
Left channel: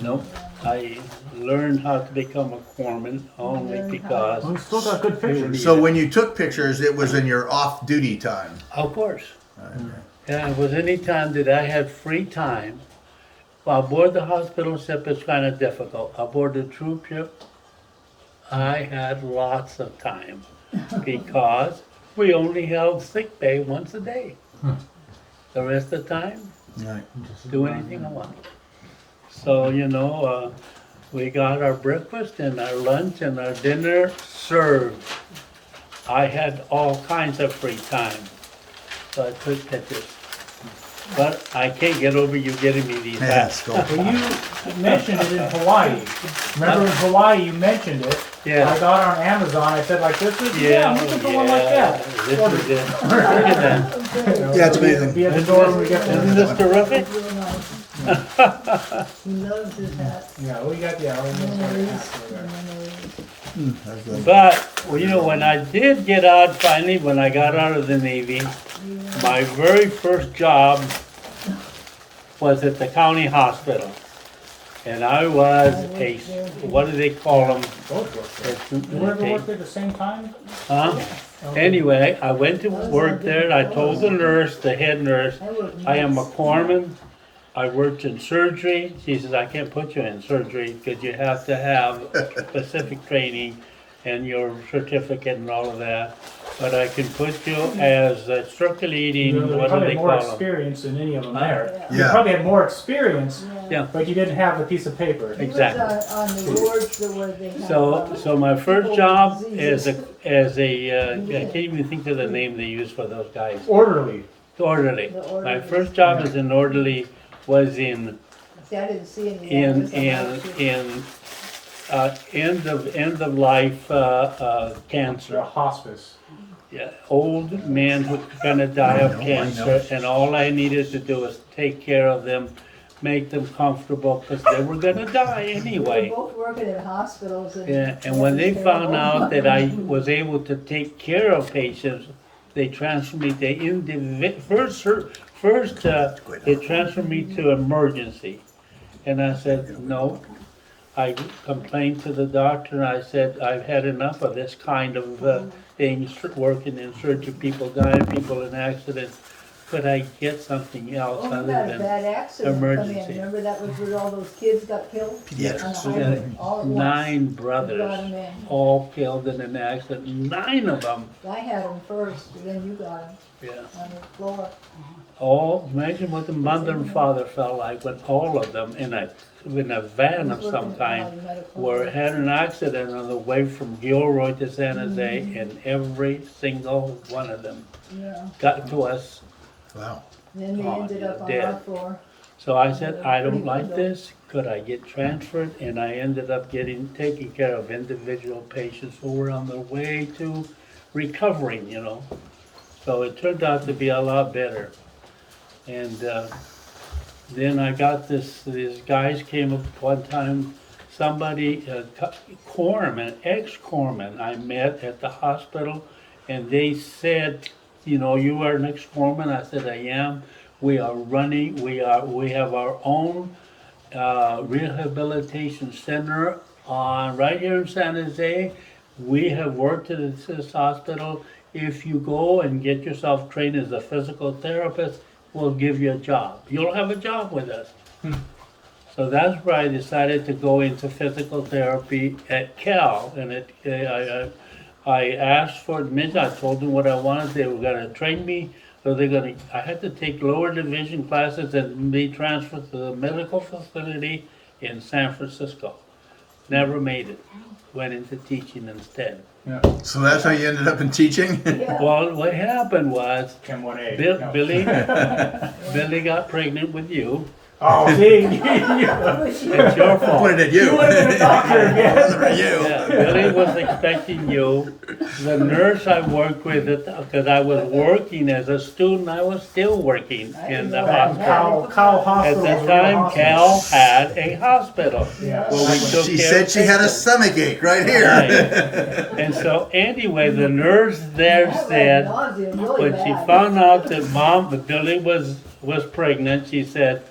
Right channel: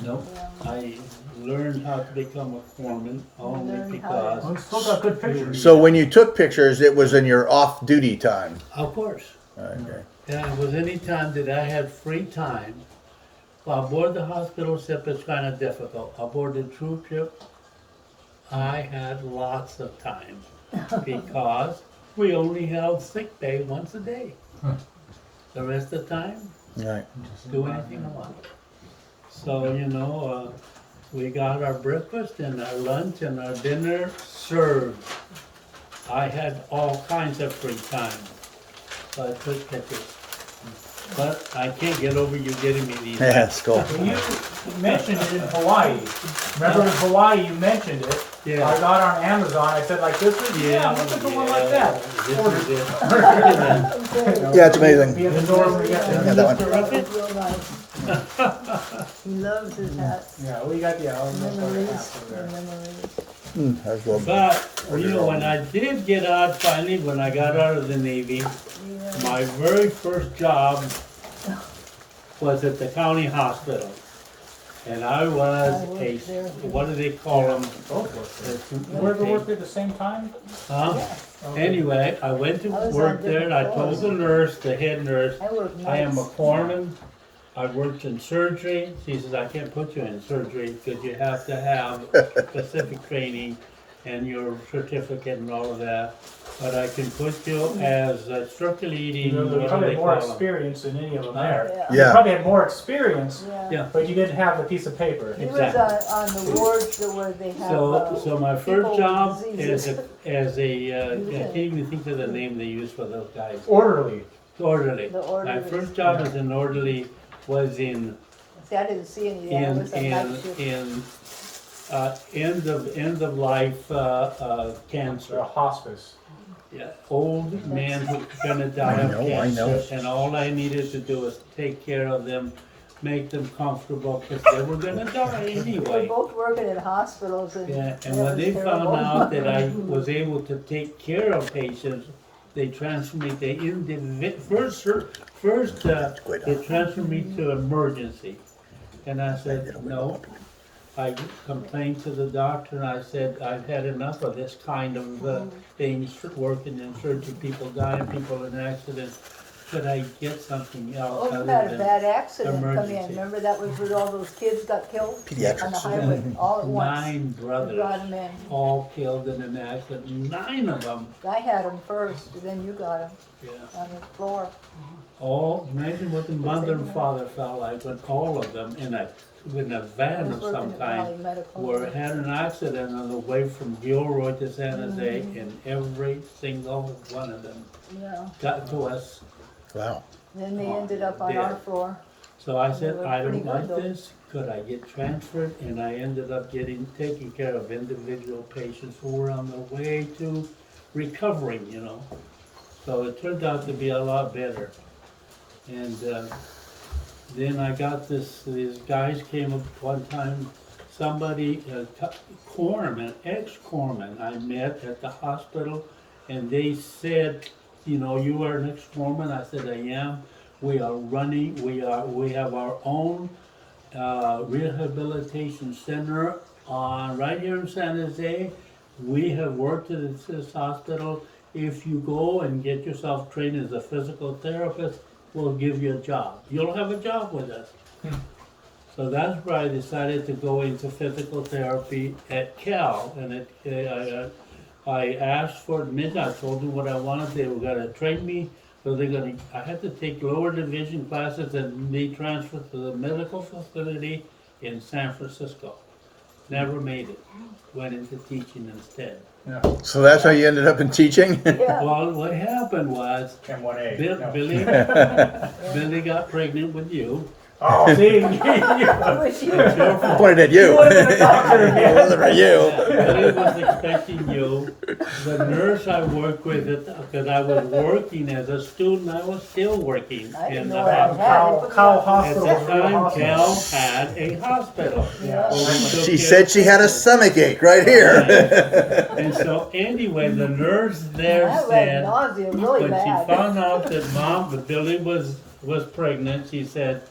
Nope, I learned how to become a corpsman only because, We still got good pictures. So when you took pictures, it was in your off-duty time. of course, Okay. yeah, it was any time that I had free time. Aboard the hospital ship is kind of difficult. Aboard the troop ship, I had lots of time. because we only held sick bay once a day. The rest of the time, Right. do anything I want. So, we got our breakfast and our lunch and our dinner served. I had all kinds of free time, so I took pictures. But I can't get over you getting me these Yeah, hats. that's cool. Well, you mentioned it in Hawaii. Remember in Hawaii you mentioned it? Yeah. I got on Amazon. I said like, this is Yeah, you can put one like yeah, that. this Order is it. it. Look at that. You know, Yeah, it's amazing. Be at the door when we get Isn't there. this terrific? It's real nice. He loves his hats. Yeah, we got Memories, memories. That's cool. But, when I did get out finally, when I got out of the Navy, my very first job was at the county hospital. And I was what do they call them? both worked there. You ever worked at the same time? Huh? Anyway, I went to work there and I told the nurse, the head nurse, I am a corpsman. I worked in surgery. She says, I can't put you in surgery because you have to have specific training and your certificate and all of that. But I can put you as circulating, You what do probably they had more call them? experience than any of them there. Yeah. You probably had more experience, Yeah. but you didn't have the piece of paper. He was Exactly. on the wards where they have. So my first people job with as diseases. I can't even think of the name they use for those guys. Orderly. Orderly. The orderly. My first job as an orderly was in See, I didn't see any. of that. It was a night shift. end of life They're a cancer. hospice. Yeah, old men who are gonna die of I know. cancer, and all I needed to do was take care of them, make them comfortable, because they were gonna die They anyway. both working in hospitals and. Yeah, and when they found out that I was able to take care of patients, they transferred me to first, they transferred me to emergency. And I said, no. I complained to the doctor and I said, I've had enough of this kind of things, working in surgery, people dying, people in accidents. Could I get something else Oh, you other had a than bad accident come in, emergency? remember that was where all those kids got killed? Pediatrics. On the highway, all at once. 9 You brought brothers, 'em in. all killed in an accident, 9 of them. I had them first, and then you got them Yeah. on the floor. Imagine what the mother and father felt like when all of them in a van of some kind had an accident on the way from Gilroy to San Jose, and every single one of them Yeah, got to us. Wow. then they Oh, ended up on dead. our floor. So I said, I don't like this, could I get transferred? And I ended up taking care of individual patients who were on their way to recovering, So it turned out to be a lot better. And then I got these guys came up one time, somebody, corpsman, ex-corpsman I met at the hospital, and they said, you are an ex-corpsman? I said, I am. We are running, we have our own rehabilitation center right here in San Jose. We have worked at this hospital. If you go and get yourself trained as a physical therapist, we'll give you a job. You'll have a job with us. So that's where I decided to go into physical therapy at Cal, and I asked for admission. I told them what I wanted. They were gonna train me, so I had to take lower division classes and be transferred to the medical facility in San Francisco. Never made it. Went into teaching instead. Yeah. So that's how you ended up in teaching? Yeah, Well, what happened was, Chem 1A. No. Billy got pregnant with you. Oh, see? it was you. It's your fault. Pointed at you. You would have been a doctor It again. wasn't for you. Yeah, Billy was expecting you. The nurse I worked with, because I was working as a student, I was still working I in didn't the know that. hospital. Cal At Hospital. the was a real time, hospital. Cal had a hospital. Yeah. where we took She care said of she had a patients. stomach ache right here. Right. And so anyway, the nurse there I had said, nausea really when she bad. found out that Billy was pregnant, she said,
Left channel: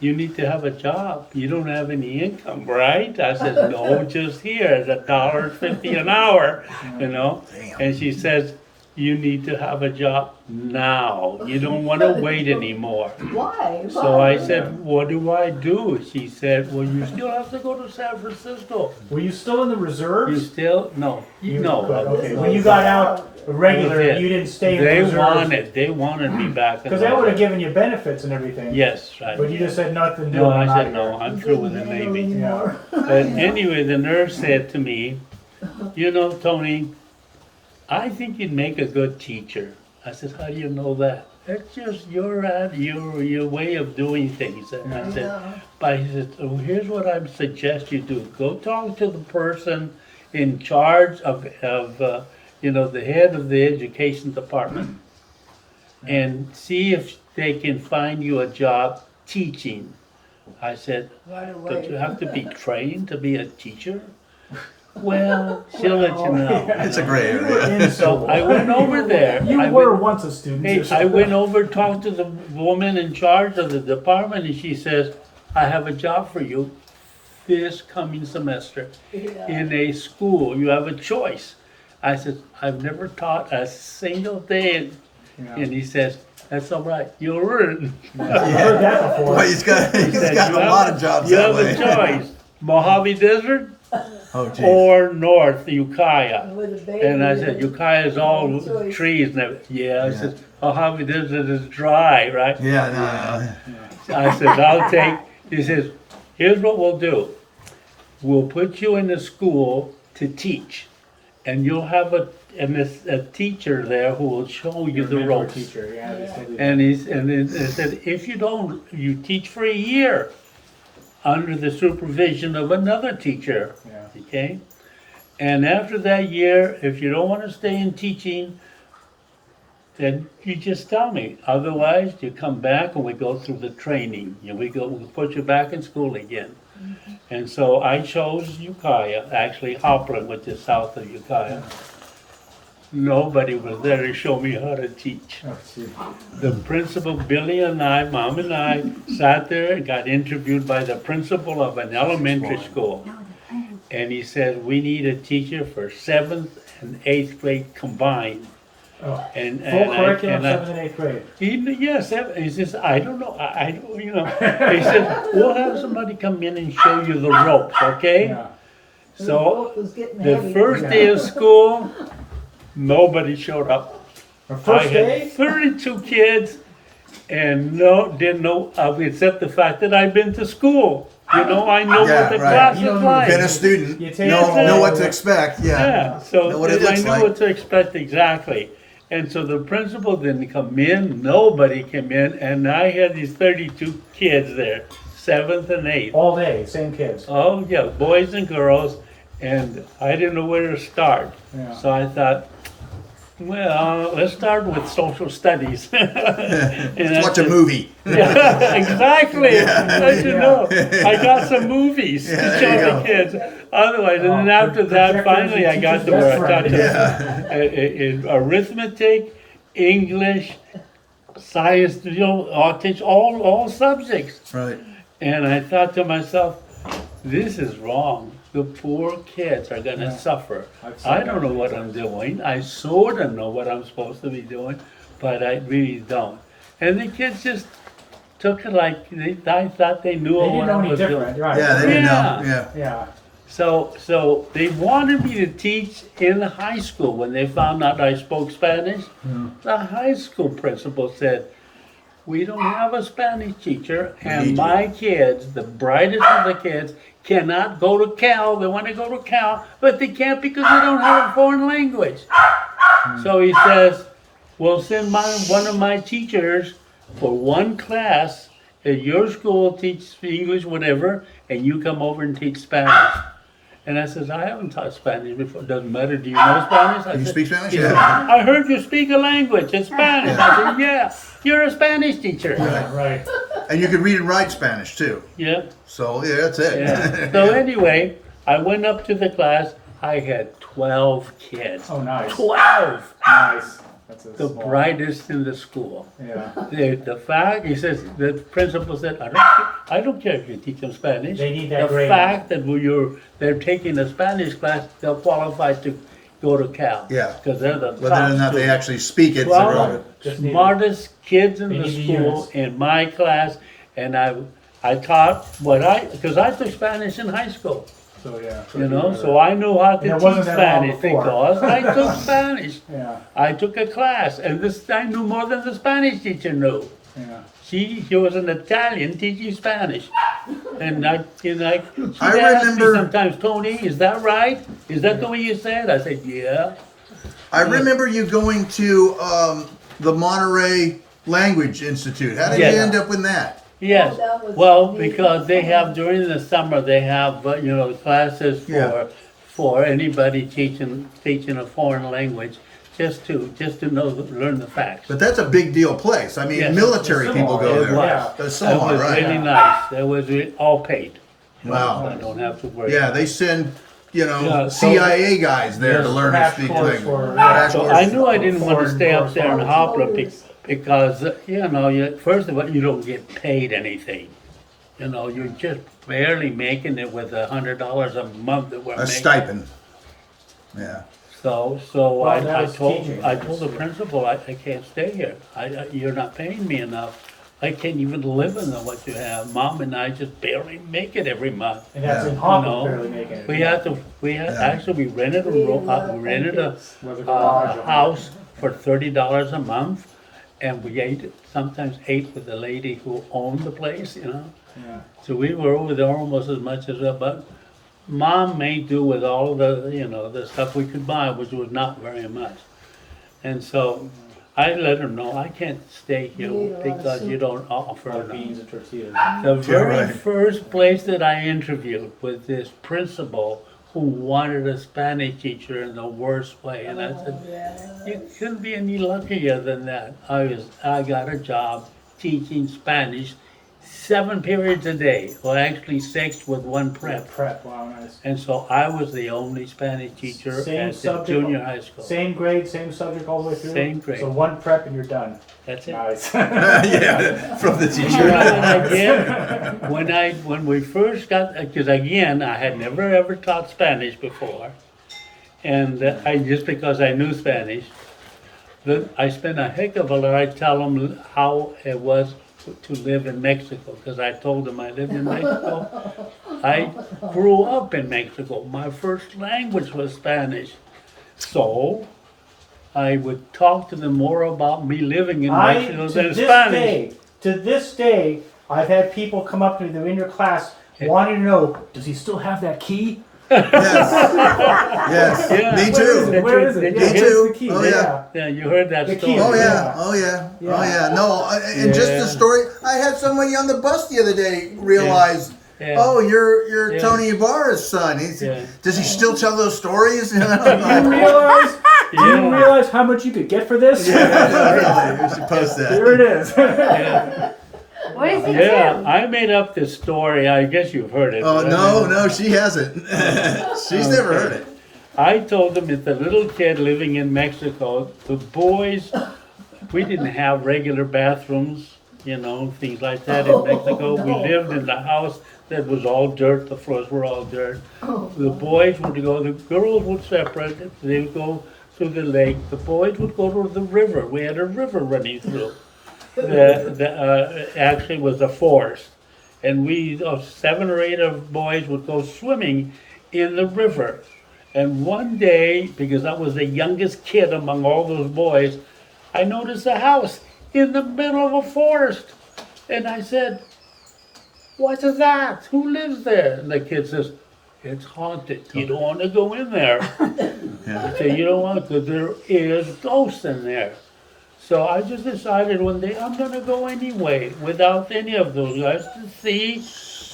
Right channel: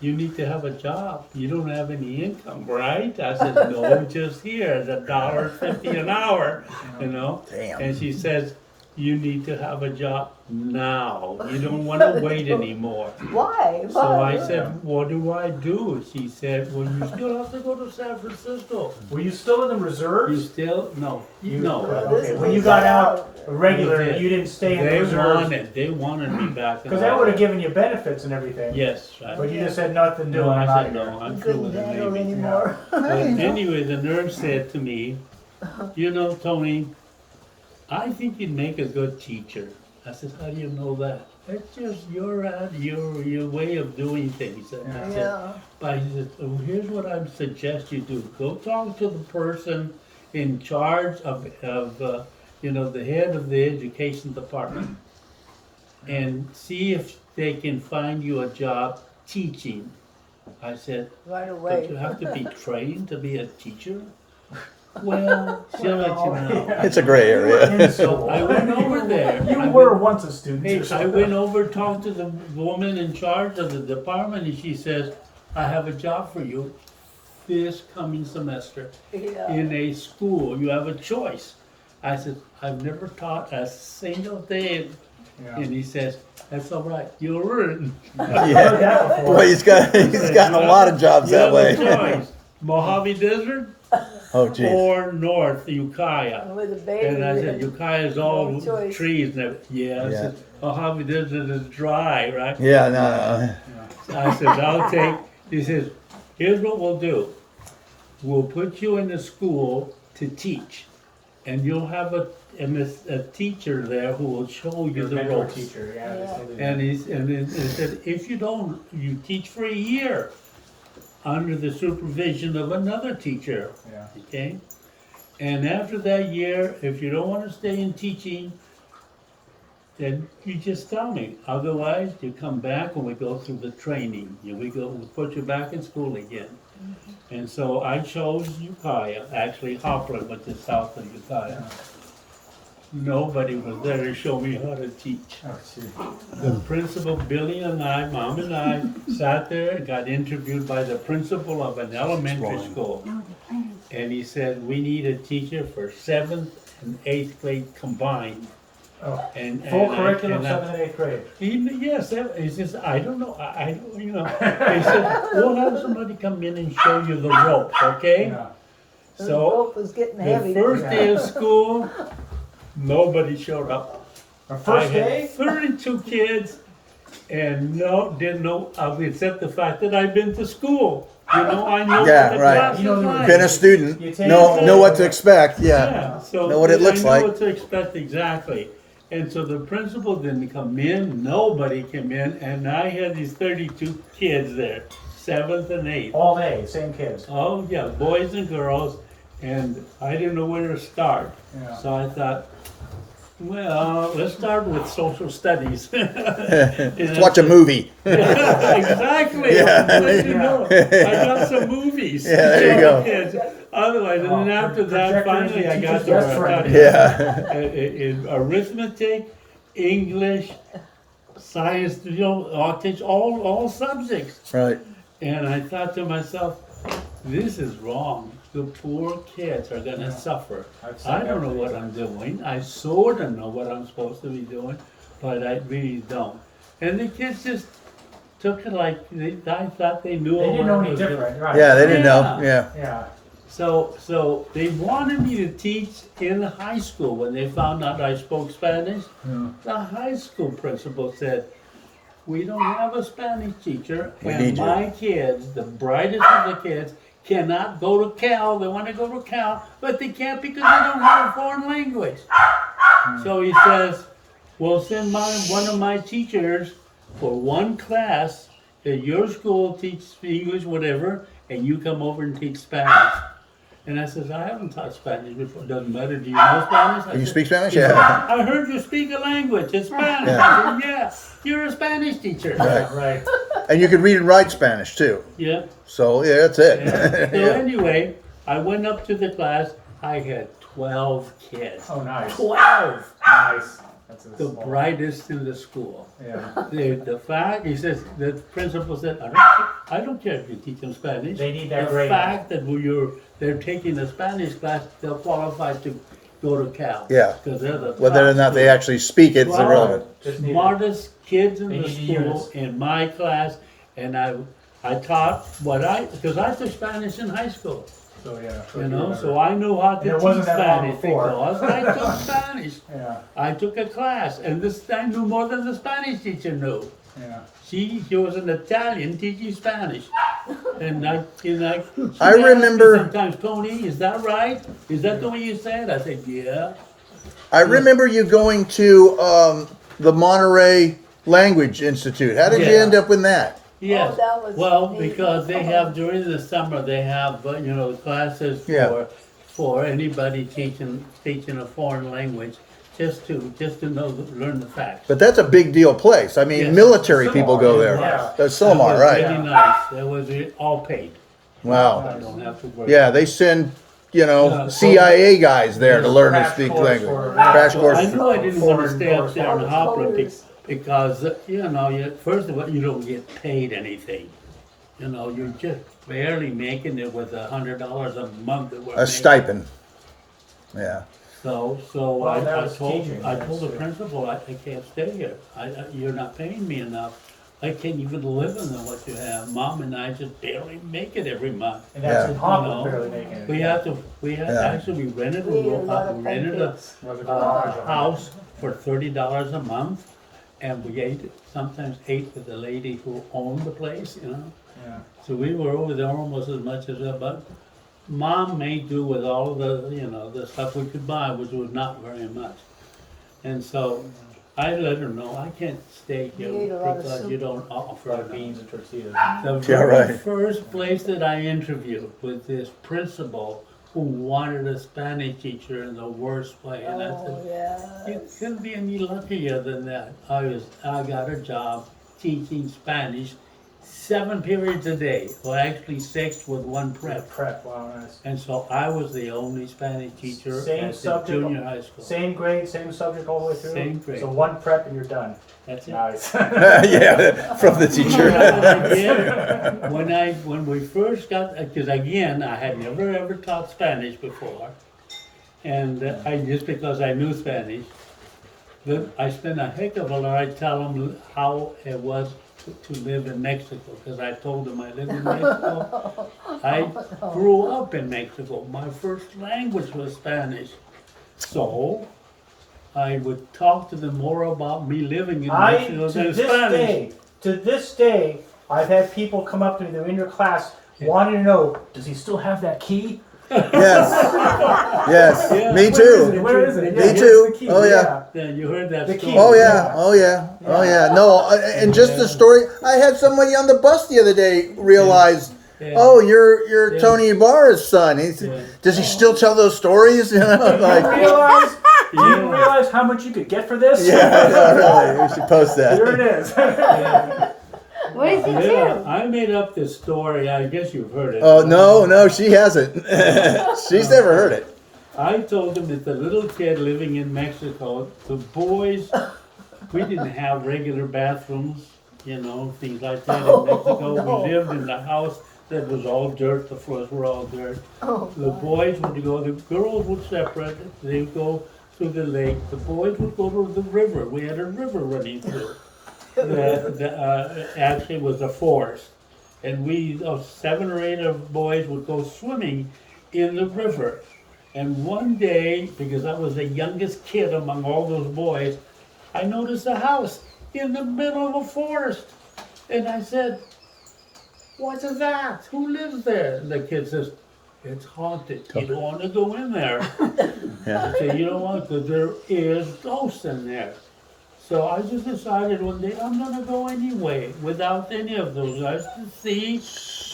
you need to have a job. You don't have any income, right? I said, no, just here, $1.50 an hour, Damn. And she says, you need to have a job now. You don't want to wait anymore. Why? So Why? I said, what do I do? She said, well, you still have to go to San Francisco. Were you still in the You reserves? still, no, no. Okay, when you got out regular, That was it. you didn't stay in the They reserves? they wanted me back. in Because they the would have Navy. given you benefits and everything. Yes, right. But you just had nothing to do. No, I I'm said, outta no, here. I'm You through with couldn't the handle Navy. anymore. But anyway, the nurse said to me, you know, Tony, I think you'd make a good teacher. I said, how do you know that? It's just your way of doing things. And I said, Yeah. but he said, oh, here's what I suggest you do. Go talk to the person in charge of the head of the education department and see if they can find you a job teaching. I said, Right but you away. have to be trained to be a teacher? Well, she'll let you know. It's a gray area. So I went over there. You I were went- once a student. Hey, I went over, talked to the woman in charge of the department, and she says, I have a job for you this coming semester Yeah. in a school. You have a choice. I said, I've never taught a single day. Yeah. And he says, that's all right, you'll learn. I heard that before. Well, he's got Said, "You a have lot of jobs You that have way. a choice, Mojave Desert Oh, geez. or North Ukiah. With a baby. And I said, Ukiah is all No choice. trees and everything. Yeah, I Yeah. said, Mojave Desert is dry, right? Yeah, no. I said, I'll take, he says, here's what we'll do. We'll put you in a school to teach. And you'll have a teacher there who will show you the Mentor ropes. Teacher, yeah, they still do that. And he said, if you don't, you teach for a year under the supervision of another teacher. Yeah. Okay? And after that year, if you don't want to stay in teaching, then you just tell me. Otherwise, you come back and we go through the training. We put you back in school again. And so I chose Ukiah, actually Hopland, which is south of Ukiah. Nobody was there to show me how to teach. Oh, see. The principal, Billy and I, Mom and I, sat there and got interviewed by the principal of an elementary school. And he said, we need a teacher for 7th and 8th grade combined. Oh, And, full and I, curriculum, and I, 7th and 8th grade. he says, I don't know, I don't, you know. He said, we'll have somebody come in and show you the ropes, okay? Yeah. The So boat was getting the heavy. first day of school, nobody showed up. Our I first had day? 32 kids and didn't know, except the fact that I'd been to school. You know, I know Yeah, what the right. class You is know, like. Been a student, You take- know what to expect, Yeah, yeah. so Know what it I looks knew like. what to expect exactly. And so the principal didn't come in, nobody came in, and I had these 32 kids there, 7th and 8th. All day, same kids. Oh, yeah, boys and girls, and I didn't know where to start. Yeah. So I thought, well, let's start with social studies. Let's watch a movie. Yeah, exactly. Let you know. I got some movies Yeah, to there show you the go. kids. Otherwise, and then Oh, after that, projectors finally, and I got teachers' to where I best got friend. to in arithmetic, English, science, I'll teach all subjects. Right. And I thought to myself, this is wrong. The poor kids are gonna suffer. I'd say I don't that. know what I'm doing. I sort of know what I'm supposed to be doing, but I really don't. And the kids just took it like, I thought they knew They didn't what I know any was different, doing. right? Yeah, they didn't Yeah. know, yeah. Yeah. So they wanted me to teach in high school. When they found out I spoke Spanish, the high school principal said, we don't have a Spanish teacher, and need my kids, the brightest of the kids, cannot go to Cal. They want to go to Cal, but they can't because they don't have a foreign language. So he says, we'll send one of my teachers for one class at your school, teach English, whatever, and you come over and teach Spanish. And I says, I haven't taught Spanish before. Doesn't matter. Do you know Spanish? I You said, speak Spanish? he said, Yeah. I heard you speak a language. It's Spanish. I said, yeah. You're a Spanish teacher. Right, right. And you can read and write Spanish too. Yeah. So, yeah, that's it. Yeah. So anyway, I went up to the class. I had 12 kids. Oh, nice. 12. Nice. That's a The small- brightest in the school. Yeah. The fact, he says, the principal said, I don't care if you teach them Spanish. They need that The grade. fact that they're taking a Spanish class, they'll qualify to go to Cal. Yeah. Because they're the Whether or top not they students. actually speak it. 12 Just need- smartest kids in they the need to school use. in my class, and I taught because I took Spanish in high school, So, yeah. you know, so I knew how And it to wasn't teach that long Spanish before. because I took Spanish. Yeah, I took a class, and this I knew more than the Spanish teacher knew. yeah. She was an Italian teaching Spanish, and she I asked me remember- sometimes, Tony, is that right? Is that the way you say it? I said, yeah. I remember you going to the Monterey Language Institute. How did Yes. you end up in that? Yes, that was well, neat. because they have, during the summer, they have, classes Yeah. for anybody teaching a foreign language, just to learn the facts. But that's a big deal place. I mean, Yes. military people go It there. was. That's That Solomon, was right? really nice, it was all paid. Wow. So I don't have to worry. Yeah, they send, Yeah, so- CIA guys there to learn to Crash speak course language. for- Crash So course. I knew I didn't want to Foreign stay up there in correspondence. Hopla because, first of all, you don't get paid anything. You're just barely making it with $100 a month that we're A making. stipend. Yeah. So Well, I that was told teaching, the that's- principal, I can't stay here. You're not paying me enough. I can't even live on what you have. Mom and I just barely make it every month. And that's Yeah. in Hopper, No. barely making it. Yeah. Actually, we rented We need a lot of we rented a, pumpkins. Was a garage a on house for $30 a month. And we sometimes ate with the lady who owned the place. Yeah. So we were over there almost as much as, but Mom made do with all of the stuff we could buy, which was not very much. And so I let her know, I can't stay here You ate a lot of because you soup. don't offer Or enough. beans and tortillas. The very right. first place that I interviewed was this principal who wanted a Spanish teacher in the worst way. And I said, you couldn't be any luckier than that. I got a job teaching Spanish 7 periods a day, or actually 6 with one prep. Prep, wow, nice. And so I was the only Spanish teacher Same at the subject, junior high school. Same grade, same subject all the way through? Same grade. So one prep and you're done. That's it. Nice. Yeah, from the You teacher. know what I did? When we first got, because again, I had never ever taught Spanish before. And just because I knew Spanish, I spent a heck of a lot, I tell them how it was to live in Mexico, because I told them I lived in Mexico. I grew up in Mexico. My first language was Spanish. So I would talk to them more about me living in Mexico than Spanish. To this day, I've had people come up to me, they're in your class, wanting to know, does he still have that key? Yes. Yeah. Me Where is too. it? Where is it? Did Yeah, you here's too? the key. Oh, yeah. Yeah, you heard that The key. story. Oh Yeah. yeah, oh yeah, oh yeah. No, and just the Yeah. story. I had somebody on the bus the other day realize, Yeah. oh, you're Yeah. Tony Ybarra's son. Yeah. Does he still tell those stories? Do you realize? Do you Yeah. realize how much you could get for this? Yeah, really. We should post Here that. it is. Yeah, What is it? yeah, I made up this story. I guess you've heard it. Oh but I no, mean, no, she hasn't. She's never heard it. I told them it's a little kid living in Mexico. The boys, we didn't have regular bathrooms, things like that in Mexico. We lived in the house that was all dirt. The floors were all dirt. The boys would go. The girls would separate. They would go to the lake. The boys would go to the river. We had a river running through. Actually was a forest, and we 7 or 8 of boys would go swimming in the river. And one day, because I was the youngest kid among all those boys, I noticed a house in the middle of a forest, and I said, "What is that? Who lives there?" And the kid says, "It's haunted. You don't want to go in there." Yeah. I say, "You don't want to, there is ghosts in there." So I just decided one day I'm gonna go anyway, without any of those guys, to see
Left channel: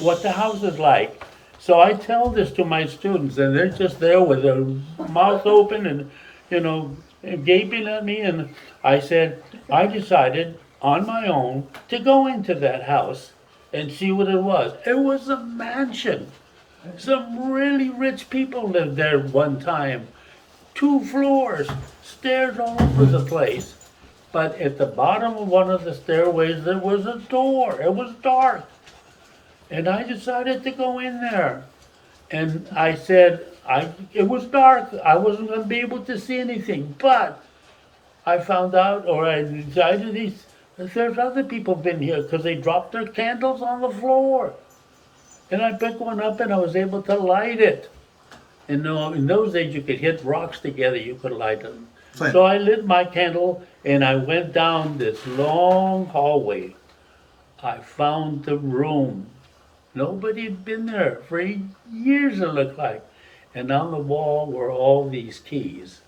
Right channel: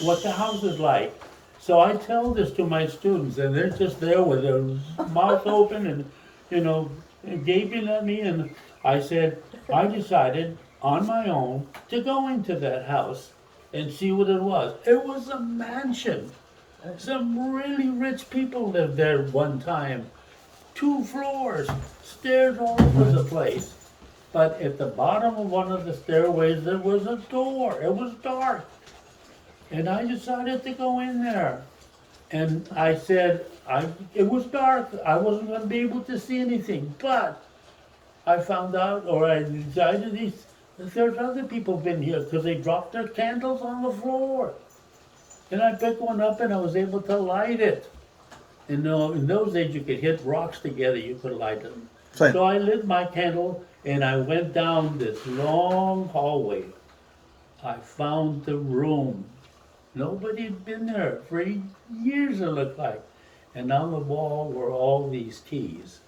what the house is like. So I tell this to my students, and they're just there with their mouth open and, gaping at me. And I said, I decided on my own to go into that house and see what it was. It was a mansion. Some really rich people lived there one time. 2 floors, stairs all over the place. But at the bottom of one of the stairways, there was a door. It was dark. And I decided to go in there. And I said, it was dark. I wasn't gonna be able to see anything, but I found out, or I decided there's other people been here, because they dropped their candles on the floor. And I picked one up and I was able to light it. And no, in those days, you could hit rocks together, you could light them. Flint. So I lit my candle and I went down this long hallway. I found the room. Nobody had been there for years, it looked like. And on the wall were all these keys.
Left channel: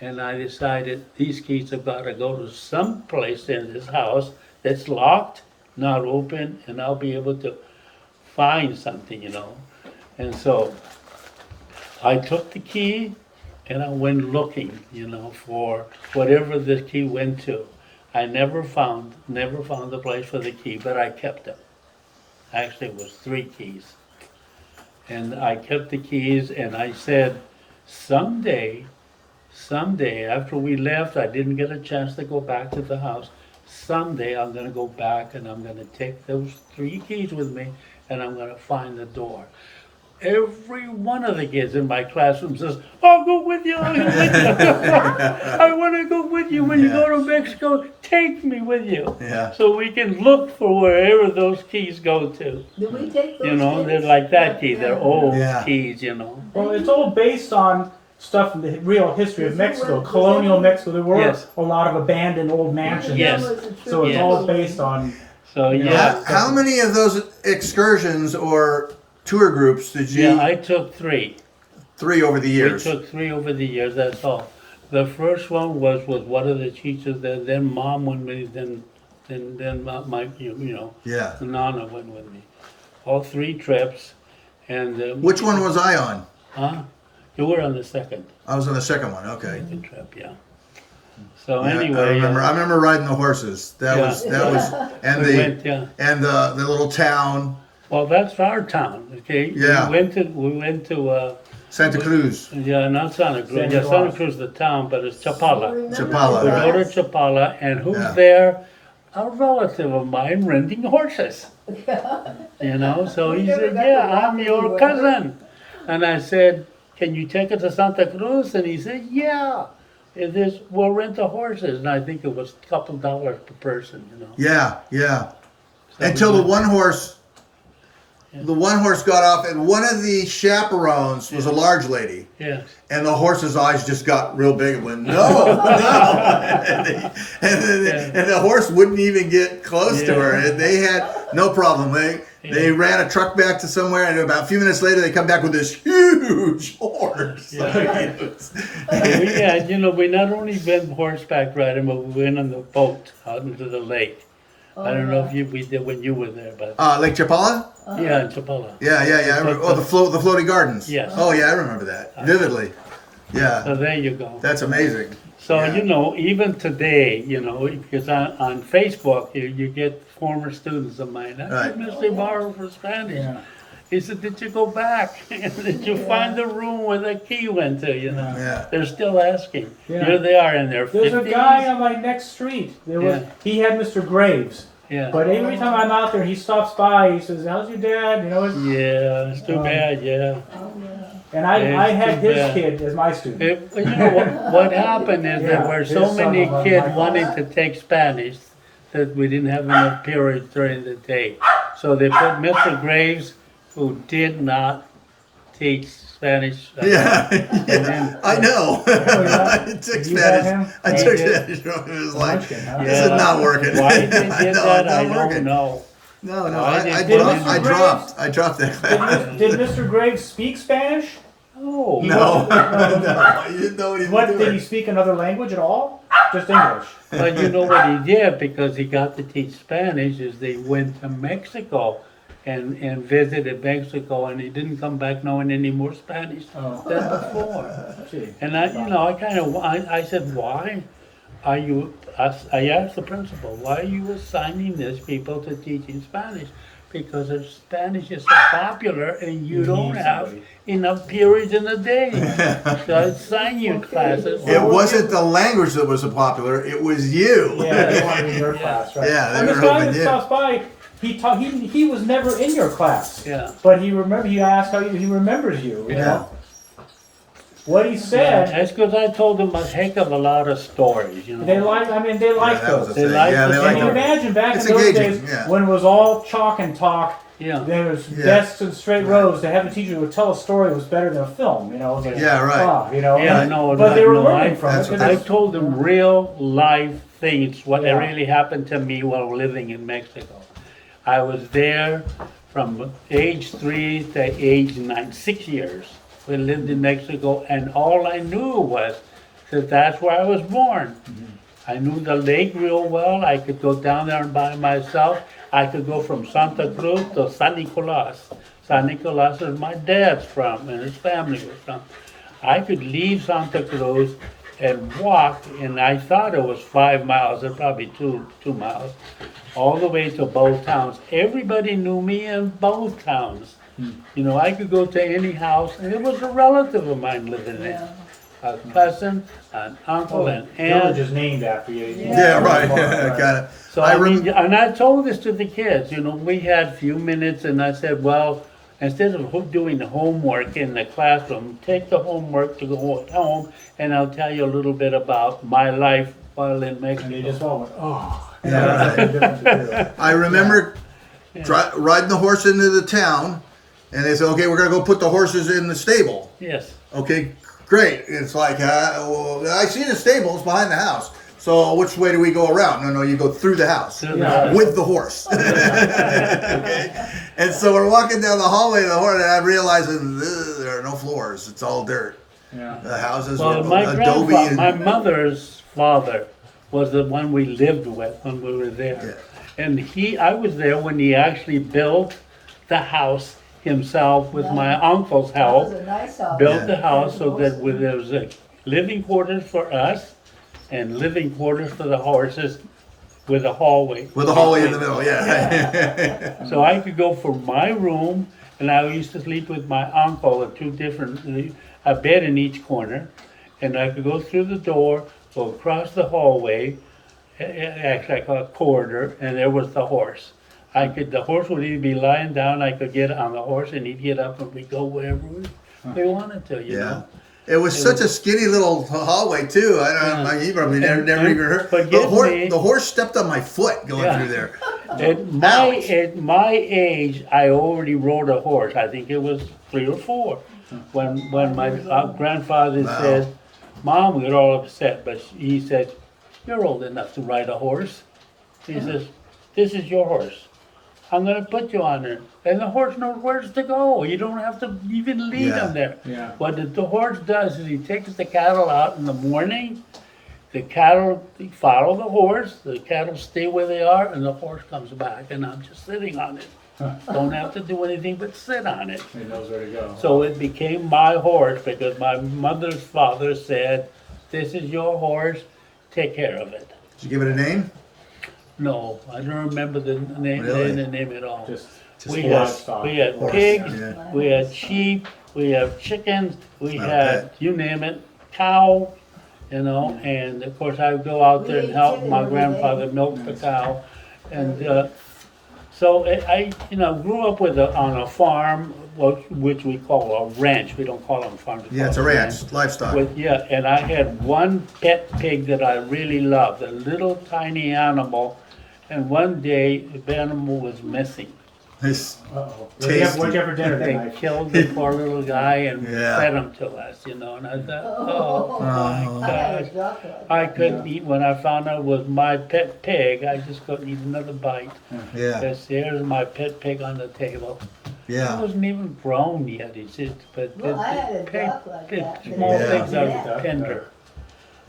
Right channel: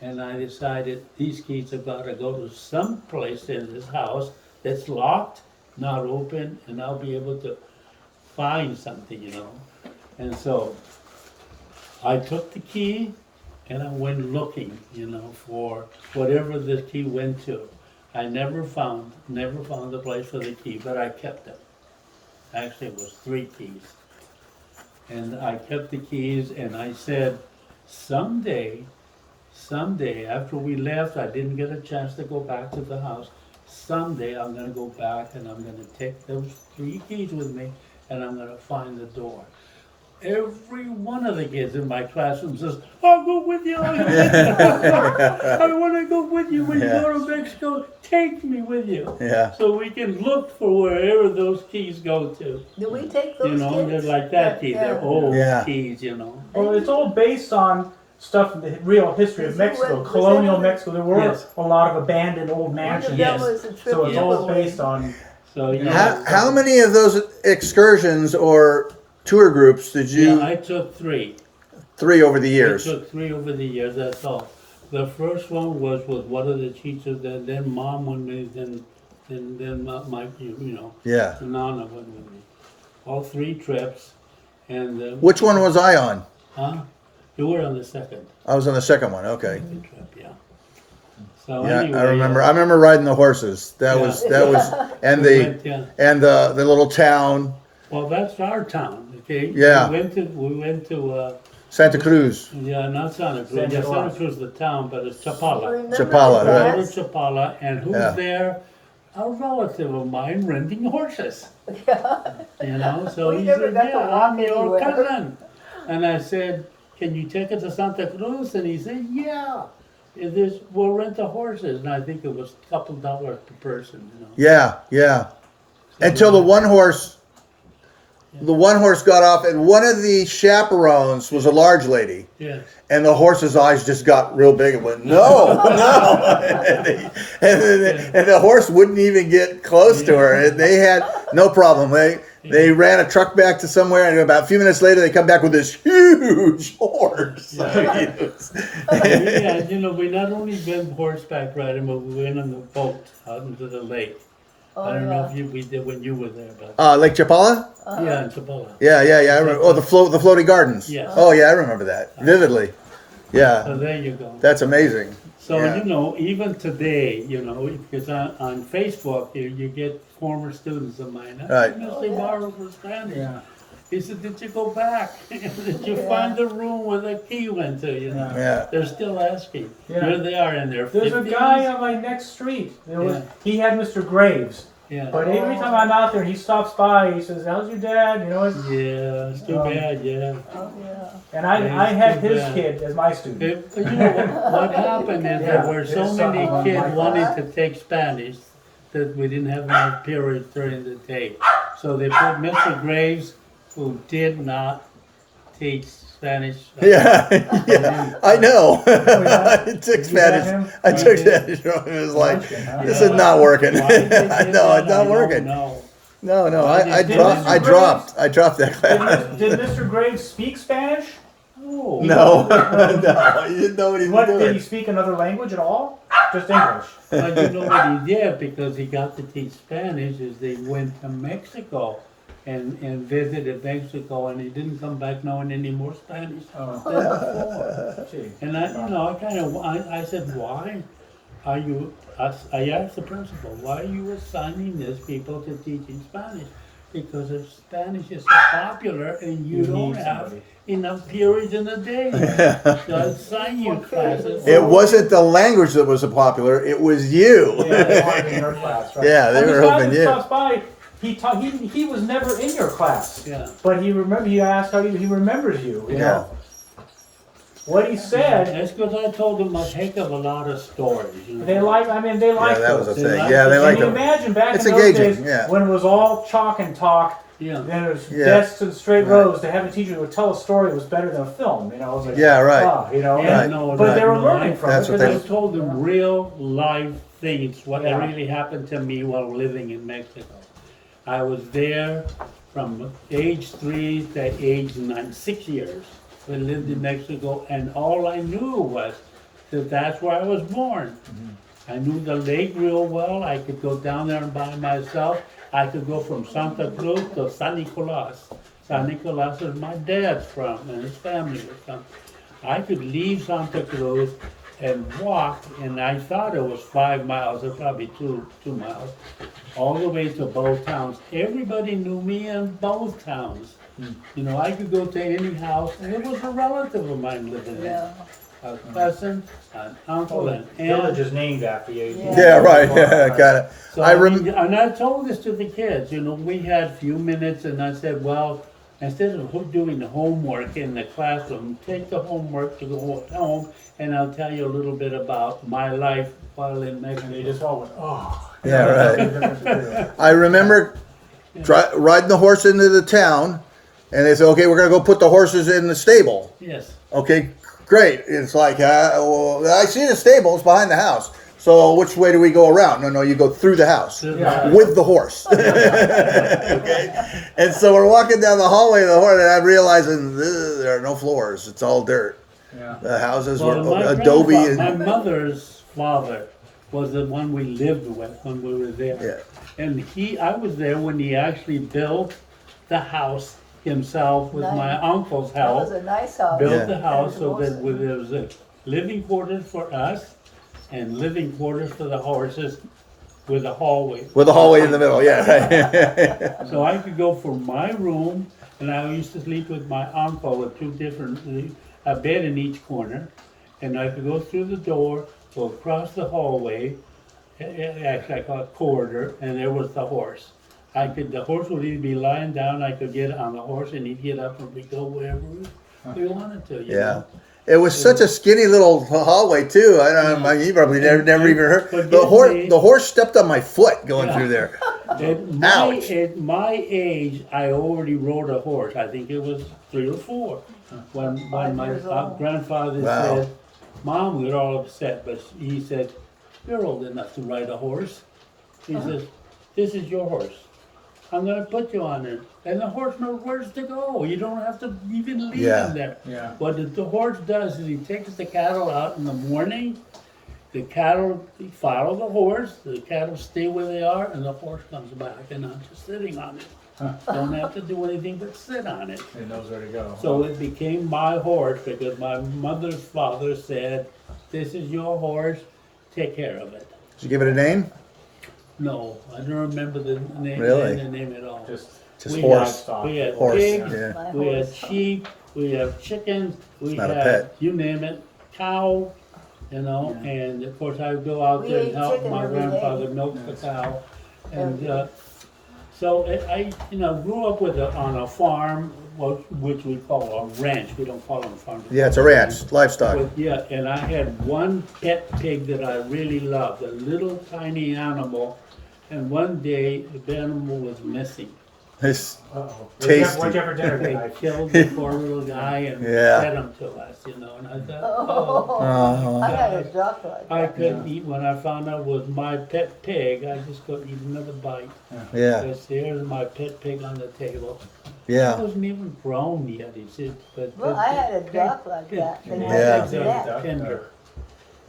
And I decided these keys have got to go to some place in this house that's locked, not open, and I'll be able to find something, And so I took the key and I went looking, for whatever the key went to. I never found the place for the key, but I kept them. Actually, it was 3 keys. And I kept the keys and I said, someday, after we left, I didn't get a chance to go back to the house. Someday I'm gonna go back and I'm gonna take those 3 keys with me and I'm gonna find the door. Every one of the kids in my classroom says, I'll go with you, I'll go with you. I wanna go with you when you go to Mexico, take me with you. Yeah. So we can look for wherever those keys go to. Do we take those keys? They're like that key, they're old Yeah. keys, Well, it's all based on stuff from the real history of Was it Mexico, when- colonial was that- Mexico. There were Yes. a lot of abandoned old mansions. Yes. So it's Yes. all based on. So, yeah. How many of those excursions or tour groups did you? Yeah, I took 3. 3 over the We years. took 3 over the years, that's all. The first one was with one of the teachers, then Mom went with me, then my, Yeah. Nana went with me. All 3 trips, and. Which one was I on? Huh? You were on the second I was on the second one. Okay. trip, yeah. So Yeah, anyway. I remember riding the horses. That Yeah. was and We the went, yeah. and the little town Well, that's our town, okay? Yeah. We went to, Santa Cruz, yeah, not Santa Cruz, San yeah, Santa Juan. Cruz, the town, but it's Chapala. Chapala, We right? go to Chapala, and who's Yeah. there? A relative of mine renting horses. So he never said, got yeah, to walk I'm your anywhere." cousin. And I said, can you take us to Santa Cruz? And he said, yeah. We'll rent the horses. And I think it was a couple dollars per person, Yeah, yeah. So Until we the went- one horse got off, and one of the chaperones was a large lady. Yes. And the horse's eyes just got real big and went, no, no. And the horse wouldn't even get close to her. And they had no problem. They ran a truck back to somewhere, and about a few minutes later, they come back with this huge horse. We not only went horseback riding, but we went on the boat out into the lake. I don't know if we did when you were there, but Lake Chapala? yeah, in Chapala. Yeah. I remember. Oh, the floating gardens. Yes. Oh, yeah, I remember that vividly. So Yeah, there you go. that's amazing. So, Yeah. even today, because on Facebook, you get former students of mine. I Right. said, Mr. Ybarra for Spanish. Yeah. He said, did you go back? Did you find the room where the key went to, Yeah. They're still asking. Yeah. Here they are in their 50s. There's a guy on my next street. Yeah. He had Mr. Graves. Yeah. But every time I'm out there, he stops by. He says, "How's your dad?" Yeah, it's too bad, yeah. And I It's had too his bad. kid as my student. What happened is there Yeah, were there's so some many of them kids like wanting that. to take Spanish that we didn't have enough periods during the day. So they put Mr. Graves, who did not teach Spanish. Yeah, then- I know. yeah? I took You had Spanish. him? I He took did. Spanish. It was like, Munchkin, huh? this is not working. Why they did I know, that, it's I not don't working. know. No, Why I they did dropped. I Mr. dropped. I dropped that Did, class. did Mr. Graves speak Spanish? Oh. No, no, you didn't know what he was What did he doing. speak another language at all? Just English. But you know what he did, because he got to teach Spanish, is they went to Mexico and visited Mexico, and he didn't come back knowing any more Spanish Oh. than before. Gee. And I said, why are you, I asked the principal, why are you assigning these people to teaching Spanish? Because if Spanish is so popular and you don't need have somebody. enough periods in a day. So I assign you classes. It wasn't the language that was so popular. It was you. Yeah, they wanted in your class, right? Yeah, they And were this guy hoping that you. stops by, he was never in your class. Yeah. But he asked how he remembers you, you Yeah. know. What he Yeah, said, that's because I told them a heck of a lot of stories, you know. they like that was a those. They thing. like Yeah, the they Can like you story. it. imagine back It's in those engaging, days yeah. when it was all chalk and talk? Yeah. There was Yeah. desks and straight rows. To have a teacher who would tell a story was better than a film. You know, it was like, Yeah, right. ah, you know. Yeah, and- no, but no, they were no, learning I- from it. that's what 'cause I it's- told them real life things, what Yeah. really happened to me while living in Mexico. I was there from age 3 to age 9, 6 years. We lived in Mexico, and all I knew was that that's where I was born. I knew the lake real well. I could go down there and by myself. I could go from Santa Cruz to San Nicolas. San Nicolas is my dad's from, and his family was from. I could leave Santa Cruz and walk, and I thought it was 5 miles, or probably two miles, all the way to both towns. Everybody knew me in both towns. You know, I could go to any house, and it was a relative of mine living there. A cousin, an uncle, an Village aunt. is named after you. Yeah, right. Yeah, kind of. So I mean, and I told this to the kids, you know, we had a few minutes, and I said, well, instead of doing the homework in the classroom, take the homework to go home, and I'll tell you a little bit about my life while in And they Mexico. just all went, oh. Yeah, right. Right. I remember riding the horse into the town, and they said, "Okay, we're gonna go put the horses in the stable." Yes. Okay, great. It's like, well, I see the stables behind the house. So which way do we go around? No, you go through the house Through the house. with the horse. Okay? And so we're walking down the hallway of the horse, and I'm realizing there are no floors. It's all dirt. Yeah. The houses Well, were my adobe. grandfather, And, my mother's father was the one we lived with when we were there. And I was there when he actually built the house himself with my uncle's That help. was a nice house. Built the house so that there was a living quarters for us and living quarters for the horses with a hallway. with a hallway in the middle, yeah. So I could go from my room, and I used to sleep with my uncle at two different, a bed in each corner, and I could go through the door, go across the hallway, actually I call it corridor, and there was the horse. The horse would either be lying down, I could get on the horse, and he'd get up and we'd go wherever we wanted to, you Yeah. know. It was such a skinny little hallway too. I don't know. Yeah. You probably never And even heard. forgive me. The horse stepped on my foot going Yeah. through there. At Ouch. my age, I already rode a horse. I think it was 3 or 4 when my grandfather Wow. said, "Mom," we got all upset, but he said, "You're old enough to ride a horse." He says, "This is your horse. I'm gonna put you on it." And the horse knows where to go. You don't have to even lead Yeah. him there. Yeah. What the horse does is he takes the cattle out in the morning. The cattle follow the horse. The cattle stay where they are, and the horse comes back, and I'm just sitting on it. Don't have to do anything but sit on it. It knows where to go. So it became my horse because my mother's father said, "This is your horse. Take care of it." Did you give it a name? No, I don't remember the name. Really? The name at all. Just we horse. had Horse, pigs, yeah. we had sheep, we had chickens, we Not a had pet. you name it, cow, you know. And of course, I would go out there and ate help chicken my every day. grandfather milk the cow, and so I grew up on a farm, which we call a ranch. We don't call them farms. we Yeah, call it's a them ranch, livestock. and I had one pet pig that I really loved, a little tiny animal, and one day the animal was missing. It's uh-oh. Tasty. What'd you have for dinner They tonight? killed the poor little guy and Yeah. fed him to us, you know, and I thought, Oh, my I had a gosh. duck like I that. couldn't eat, when I found out it was my pet pig, I just couldn't eat another bite. yeah, Because there's my pet pig on the table. It yeah. wasn't even grown yet, but Well, I had a pig- duck like pig- that. small Yeah. pigs Yeah. are tender,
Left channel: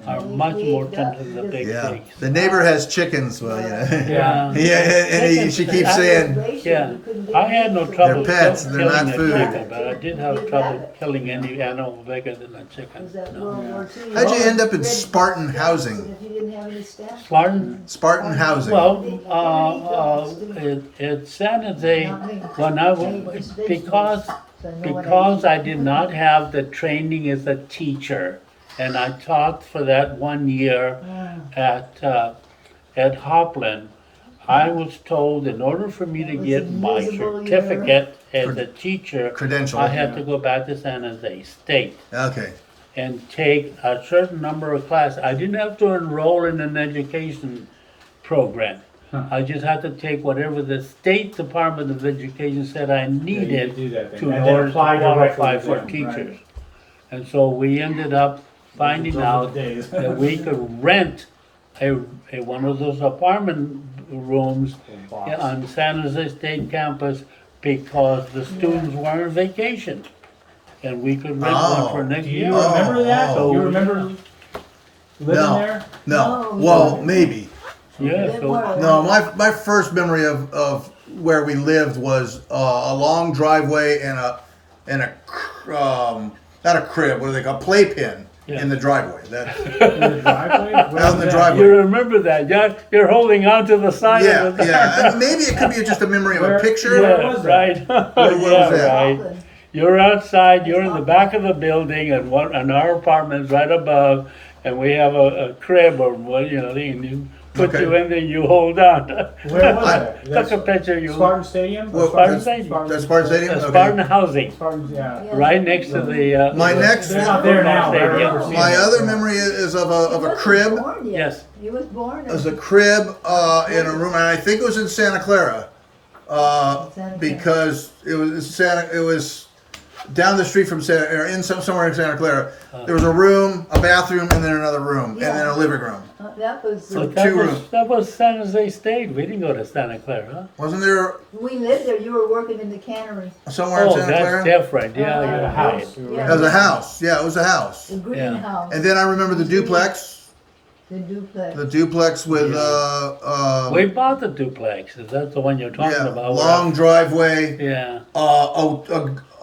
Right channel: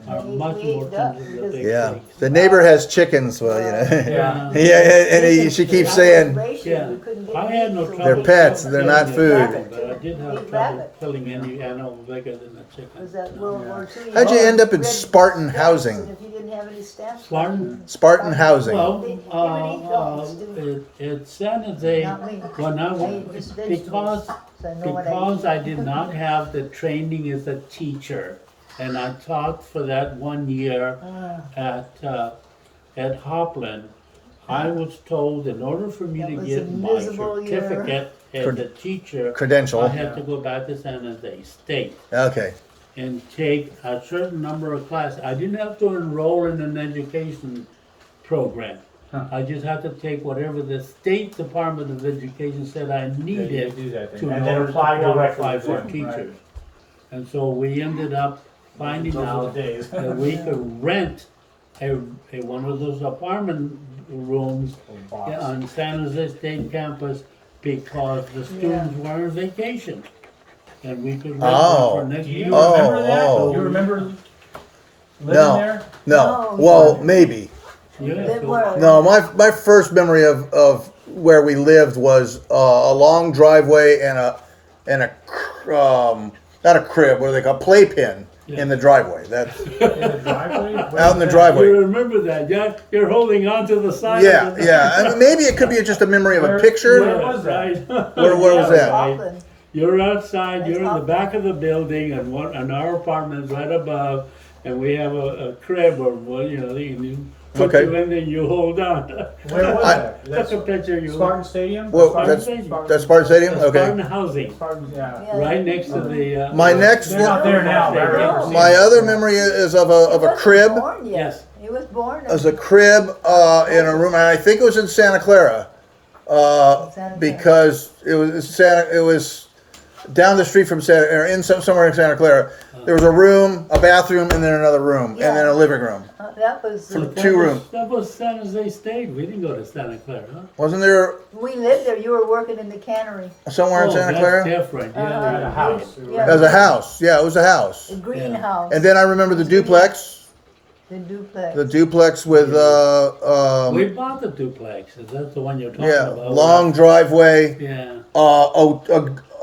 are We- much we more ate tender duck, than the we big Yeah, pigs. the neighbor has chickens. Well, yeah, Yeah. yeah, and she keeps saying, Yeah, I had no trouble pets, they're killing not a food. chicken, but I did have Big trouble rabbit. killing any animal bigger than a chicken. Was that No. World War II? "How'd you end up in Red Spartan stamps, housing?" and if you didn't have any stamps. Spartan? Spartan housing. Well, at San Jose, when I was, because I did not have the training as a teacher, and I taught for that one year at Hopland, I was told in order for me That to was get a my miserable year. certificate as a teacher, Credential. I had to go back to San Jose State Okay. and take a certain number of classes. I didn't have to enroll in an education program. I just had to take whatever the State Department of Education said I needed do that thing. to in And then order to apply qualify directly for with them, teachers. right. And so we ended up finding Those were out the days. that we could rent a one of those apartment rooms box. on San Jose State campus because the students were on vacation. And we could rent one for Oh. next Do year. you remember that? oh. You remember living No. there? No. No, Well, we- maybe. Yeah, They so, were. No, my first memory of where we lived was a long driveway and a not a crib, what do they call playpen Yeah. in the driveway. That's In the driveway? Where out in was the that? driveway. you remember that, you're holding on to the side Yeah, of it. yeah. Maybe it could be just a memory of a Where- picture. where Yeah, was that? right. Where was Yeah, that? right. Auckland. You're outside, you're in the That's back of the building and our apartment's right above, and we have a crib or what, you know, and you put Okay. you in there, you hold on. Where was that? Took a picture, you, Spartan Stadium? Well, Spartan that's, Stadium. that's Spartan Stadium? Spartan Okay. Housing, Spartan, yeah. Yeah. right next to the. My next- They're not there now. I Stadium. remember seeing My it. other memory is of He a wasn't crib. born yet. Yes. He was born. As a crib in a room, and I think it was in Santa Clara, Santa Clara. because it was down the street from Santa, or somewhere in Santa Clara. There was a room, a bathroom, and then another room, and then a living room. That was, But Two rooms. that was San Jose State, we didn't go to Santa Clara, huh? Wasn't there we lived there. You were working in the cannery, somewhere in Oh, Santa that's Clara? different, yeah, Uh, you're The right. house. Yeah. As a house, yeah, it was a house. the greenhouse, And then I remember the duplex, the duplex. the duplex with We bought the duplex, is that the one you're talking yeah, about? long driveway, Yeah.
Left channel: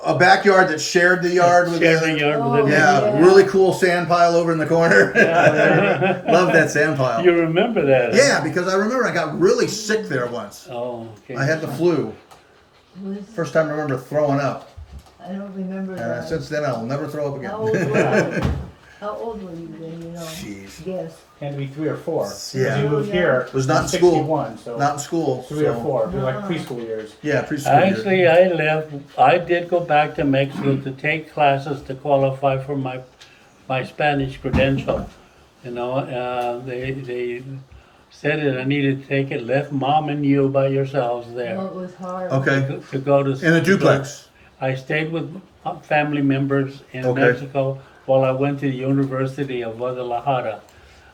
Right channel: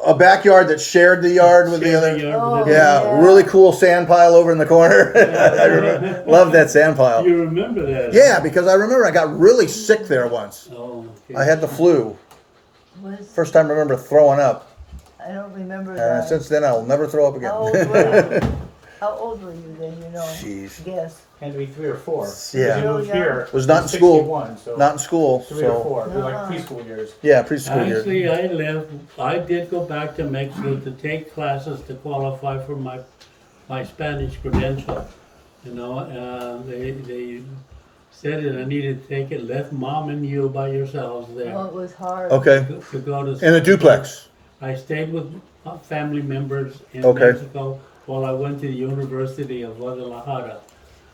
a backyard that shared the yard with the Shared other. the yard with Oh, the Yeah, Yeah. really cool sand pile over in the corner. Love that sand pile. You remember that? huh? Yeah, because I remember I got really sick there once. Oh, okay. I had the flu. Was, First time I remember throwing up. I don't remember And that. since then, I'll never throw up How old again. were you? How old were you then? You know, Jeez. guess. Had to be 3 or 4. Yeah. Because you moved Yeah. here. Was not in school. 61, so Not in school. 3 or So 4. It'd be like No. preschool years. yeah, preschool. years. Actually, I left, I did go back to Mexico to take classes to qualify for my Spanish credential. You know, they said that I needed to take it, left mom and you by yourselves there. Oh, it was hard. Okay. To go to. In a duplex. I stayed with family members in Okay. Mexico while I went to the University of Guadalajara.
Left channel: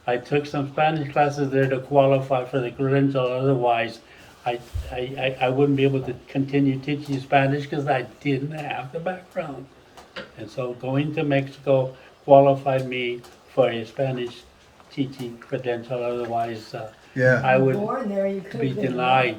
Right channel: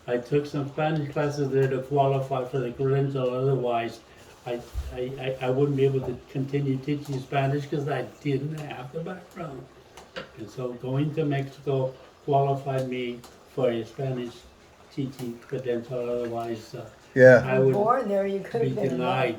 I took some Spanish classes there to qualify for the credential, otherwise I wouldn't be able to continue teaching Spanish because I didn't have the background. And so going to Mexico qualified me for a Spanish teaching credential, otherwise Yeah. I would Born there, you could be have been. denied.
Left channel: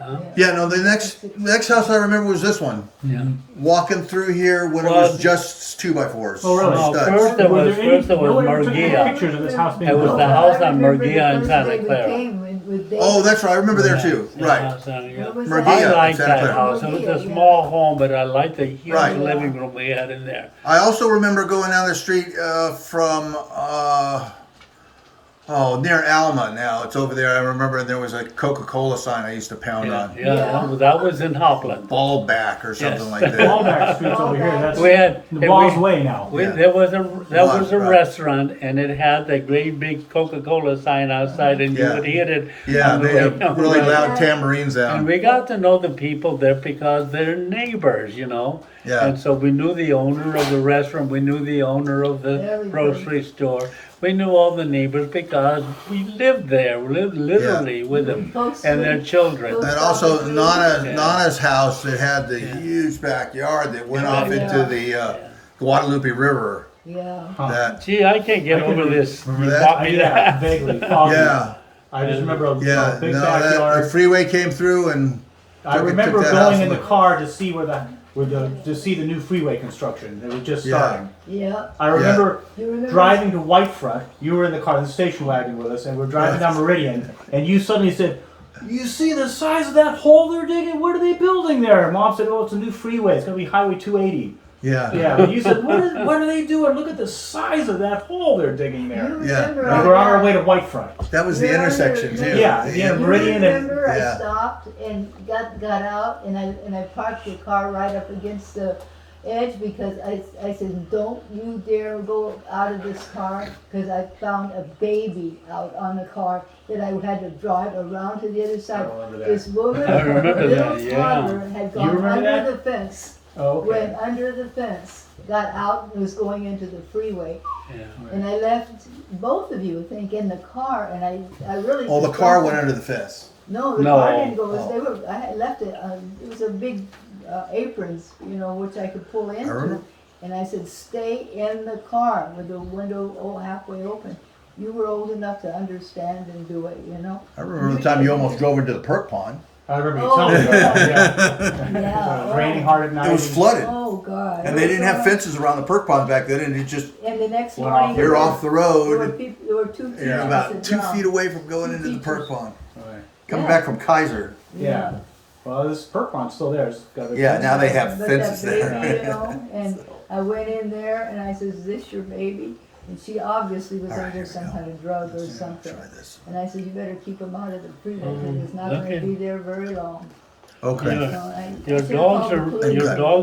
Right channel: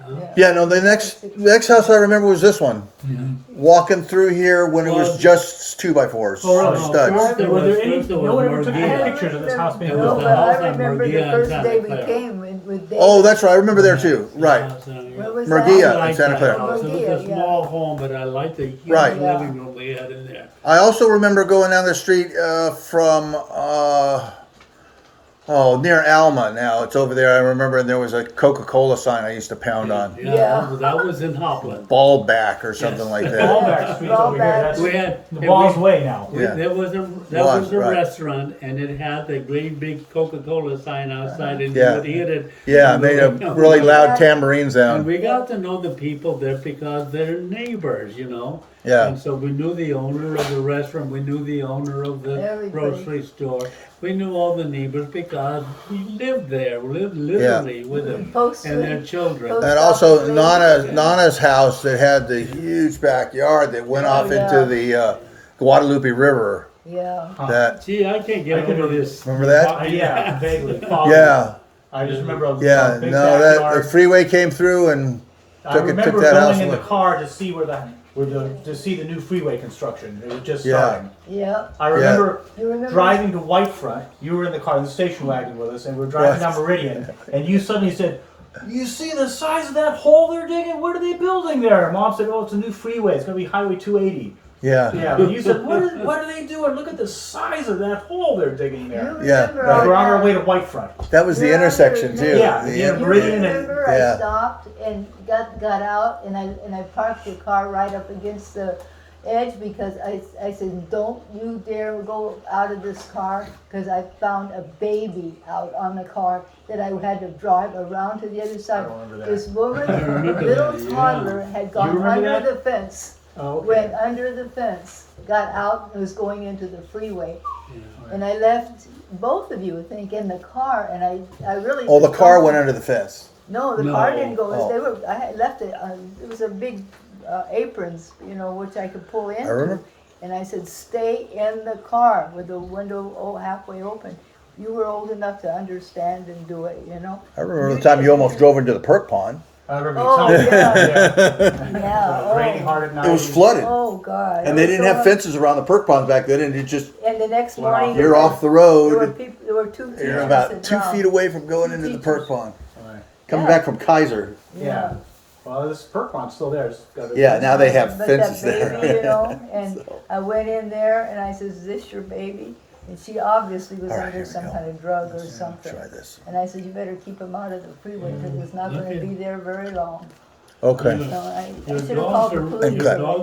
Huh? Yeah, no, the next house I remember was this one. Yeah. Walking through here when it Well, was just 2x4s. Oh, really? No, Studs. first it was there any- first it was no one ever took Murguia. pictures of this house being It was built? the house on remember Murguia the and first Santa day we Clara. came with David. Oh, that's right. I remember there too. Yeah, Right. so, yeah. What was Murguia. that? I liked Santa that Clara. house. It was a Murguia, yeah. small home, but I liked the huge Right. living room we had in there. I also remember going down the street from near Alma. Now it's over there. I remember there was a Coca-Cola sign I used to pound Yeah, on. yeah, Yeah. that was in Hopland. Ballback or something Yes. like that. Ballback Street's over here. That's We had the and Ball's we- Way now. we- Yeah. there was a Right. restaurant and it had the great big Coca-Cola sign outside and you Yeah. would hit it. Yeah, on the they way had home. really loud Yeah. tambourines And down. we got to know the people there because they're neighbors, you know. Yeah. And so we knew the owner of the restaurant, we knew the owner of the Everybody. grocery store. We knew all the neighbors because we lived there, we lived literally with them Post and their Street. children. Post- And also Office. Nana's house that had the huge backyard that went Yeah. off into the Guadalupe River. Yeah. That Gee, I can't get I can over this. remember You that? taught me Yeah, that. vaguely. foggy. yeah, I just remember a yeah. big No, that the backyard. freeway came through and I took remember that house going in the away. car to see to see the new freeway construction. It was just Yeah. starting. Yeah. I remember You remember? driving to Whitefront. You were in the car, in the station wagon with us, and we're driving Right. down Meridian, and you suddenly said, "You see the size of that hole they're digging? What are they building there?" Mom said, "Oh, it's a new freeway. It's going to be Highway 280." Yeah. Yeah, but you said, what are they doing? Look at the size of that hole they're digging there. You Yeah. remember And I we're on our got- way to Whitefront. That was the You're intersection under- too. Yeah, The yeah, end- You Meridian and- remember yeah. I stopped and got out and I parked the car right up against the edge because I said, don't you dare go out of this car, because I found a baby out on the car that I had to drive around to the other side. remember that. This woman, I remember little that, yeah. toddler, had gone remember under that? the fence, Oh, okay. went under the fence, got out and was going into the freeway. Yeah. And I left both of you, I think, in the car, and I really. Oh, the just car don't went think- under the fence. No, the No. car didn't go, Oh. they were, I had left it, it was a big, aprons, which I could pull into. remember. And I said, stay in the car with the window halfway open. You were old enough to understand and do it, I remember the time you almost drove into the perk pond. I remember you Oh, telling me about yeah. that. Yeah, It was raining oh, hard at night. It was flooded. oh, God. And they It was didn't so have much- fences around the perk ponds back then, and it just, And the next Went morning. off. you're off the There were road. people, there were two teachers. You're that about 2 drowned. feet away from going Two into the teachers. perk pond. Right. Coming Yeah. back from Kaiser. Yeah. Well, this perk pond's still there. It's got a- Yeah, now they have But fences that there. baby, and I went in there and I said, is this your baby? And she obviously was All right, under here we some go. kind of drug or Let's something. try this. And I said, you better keep him out of the freeway because it's not okay. gonna be there very long. Okay. Yeah. So I Your should've dogs called the are, police. your dogs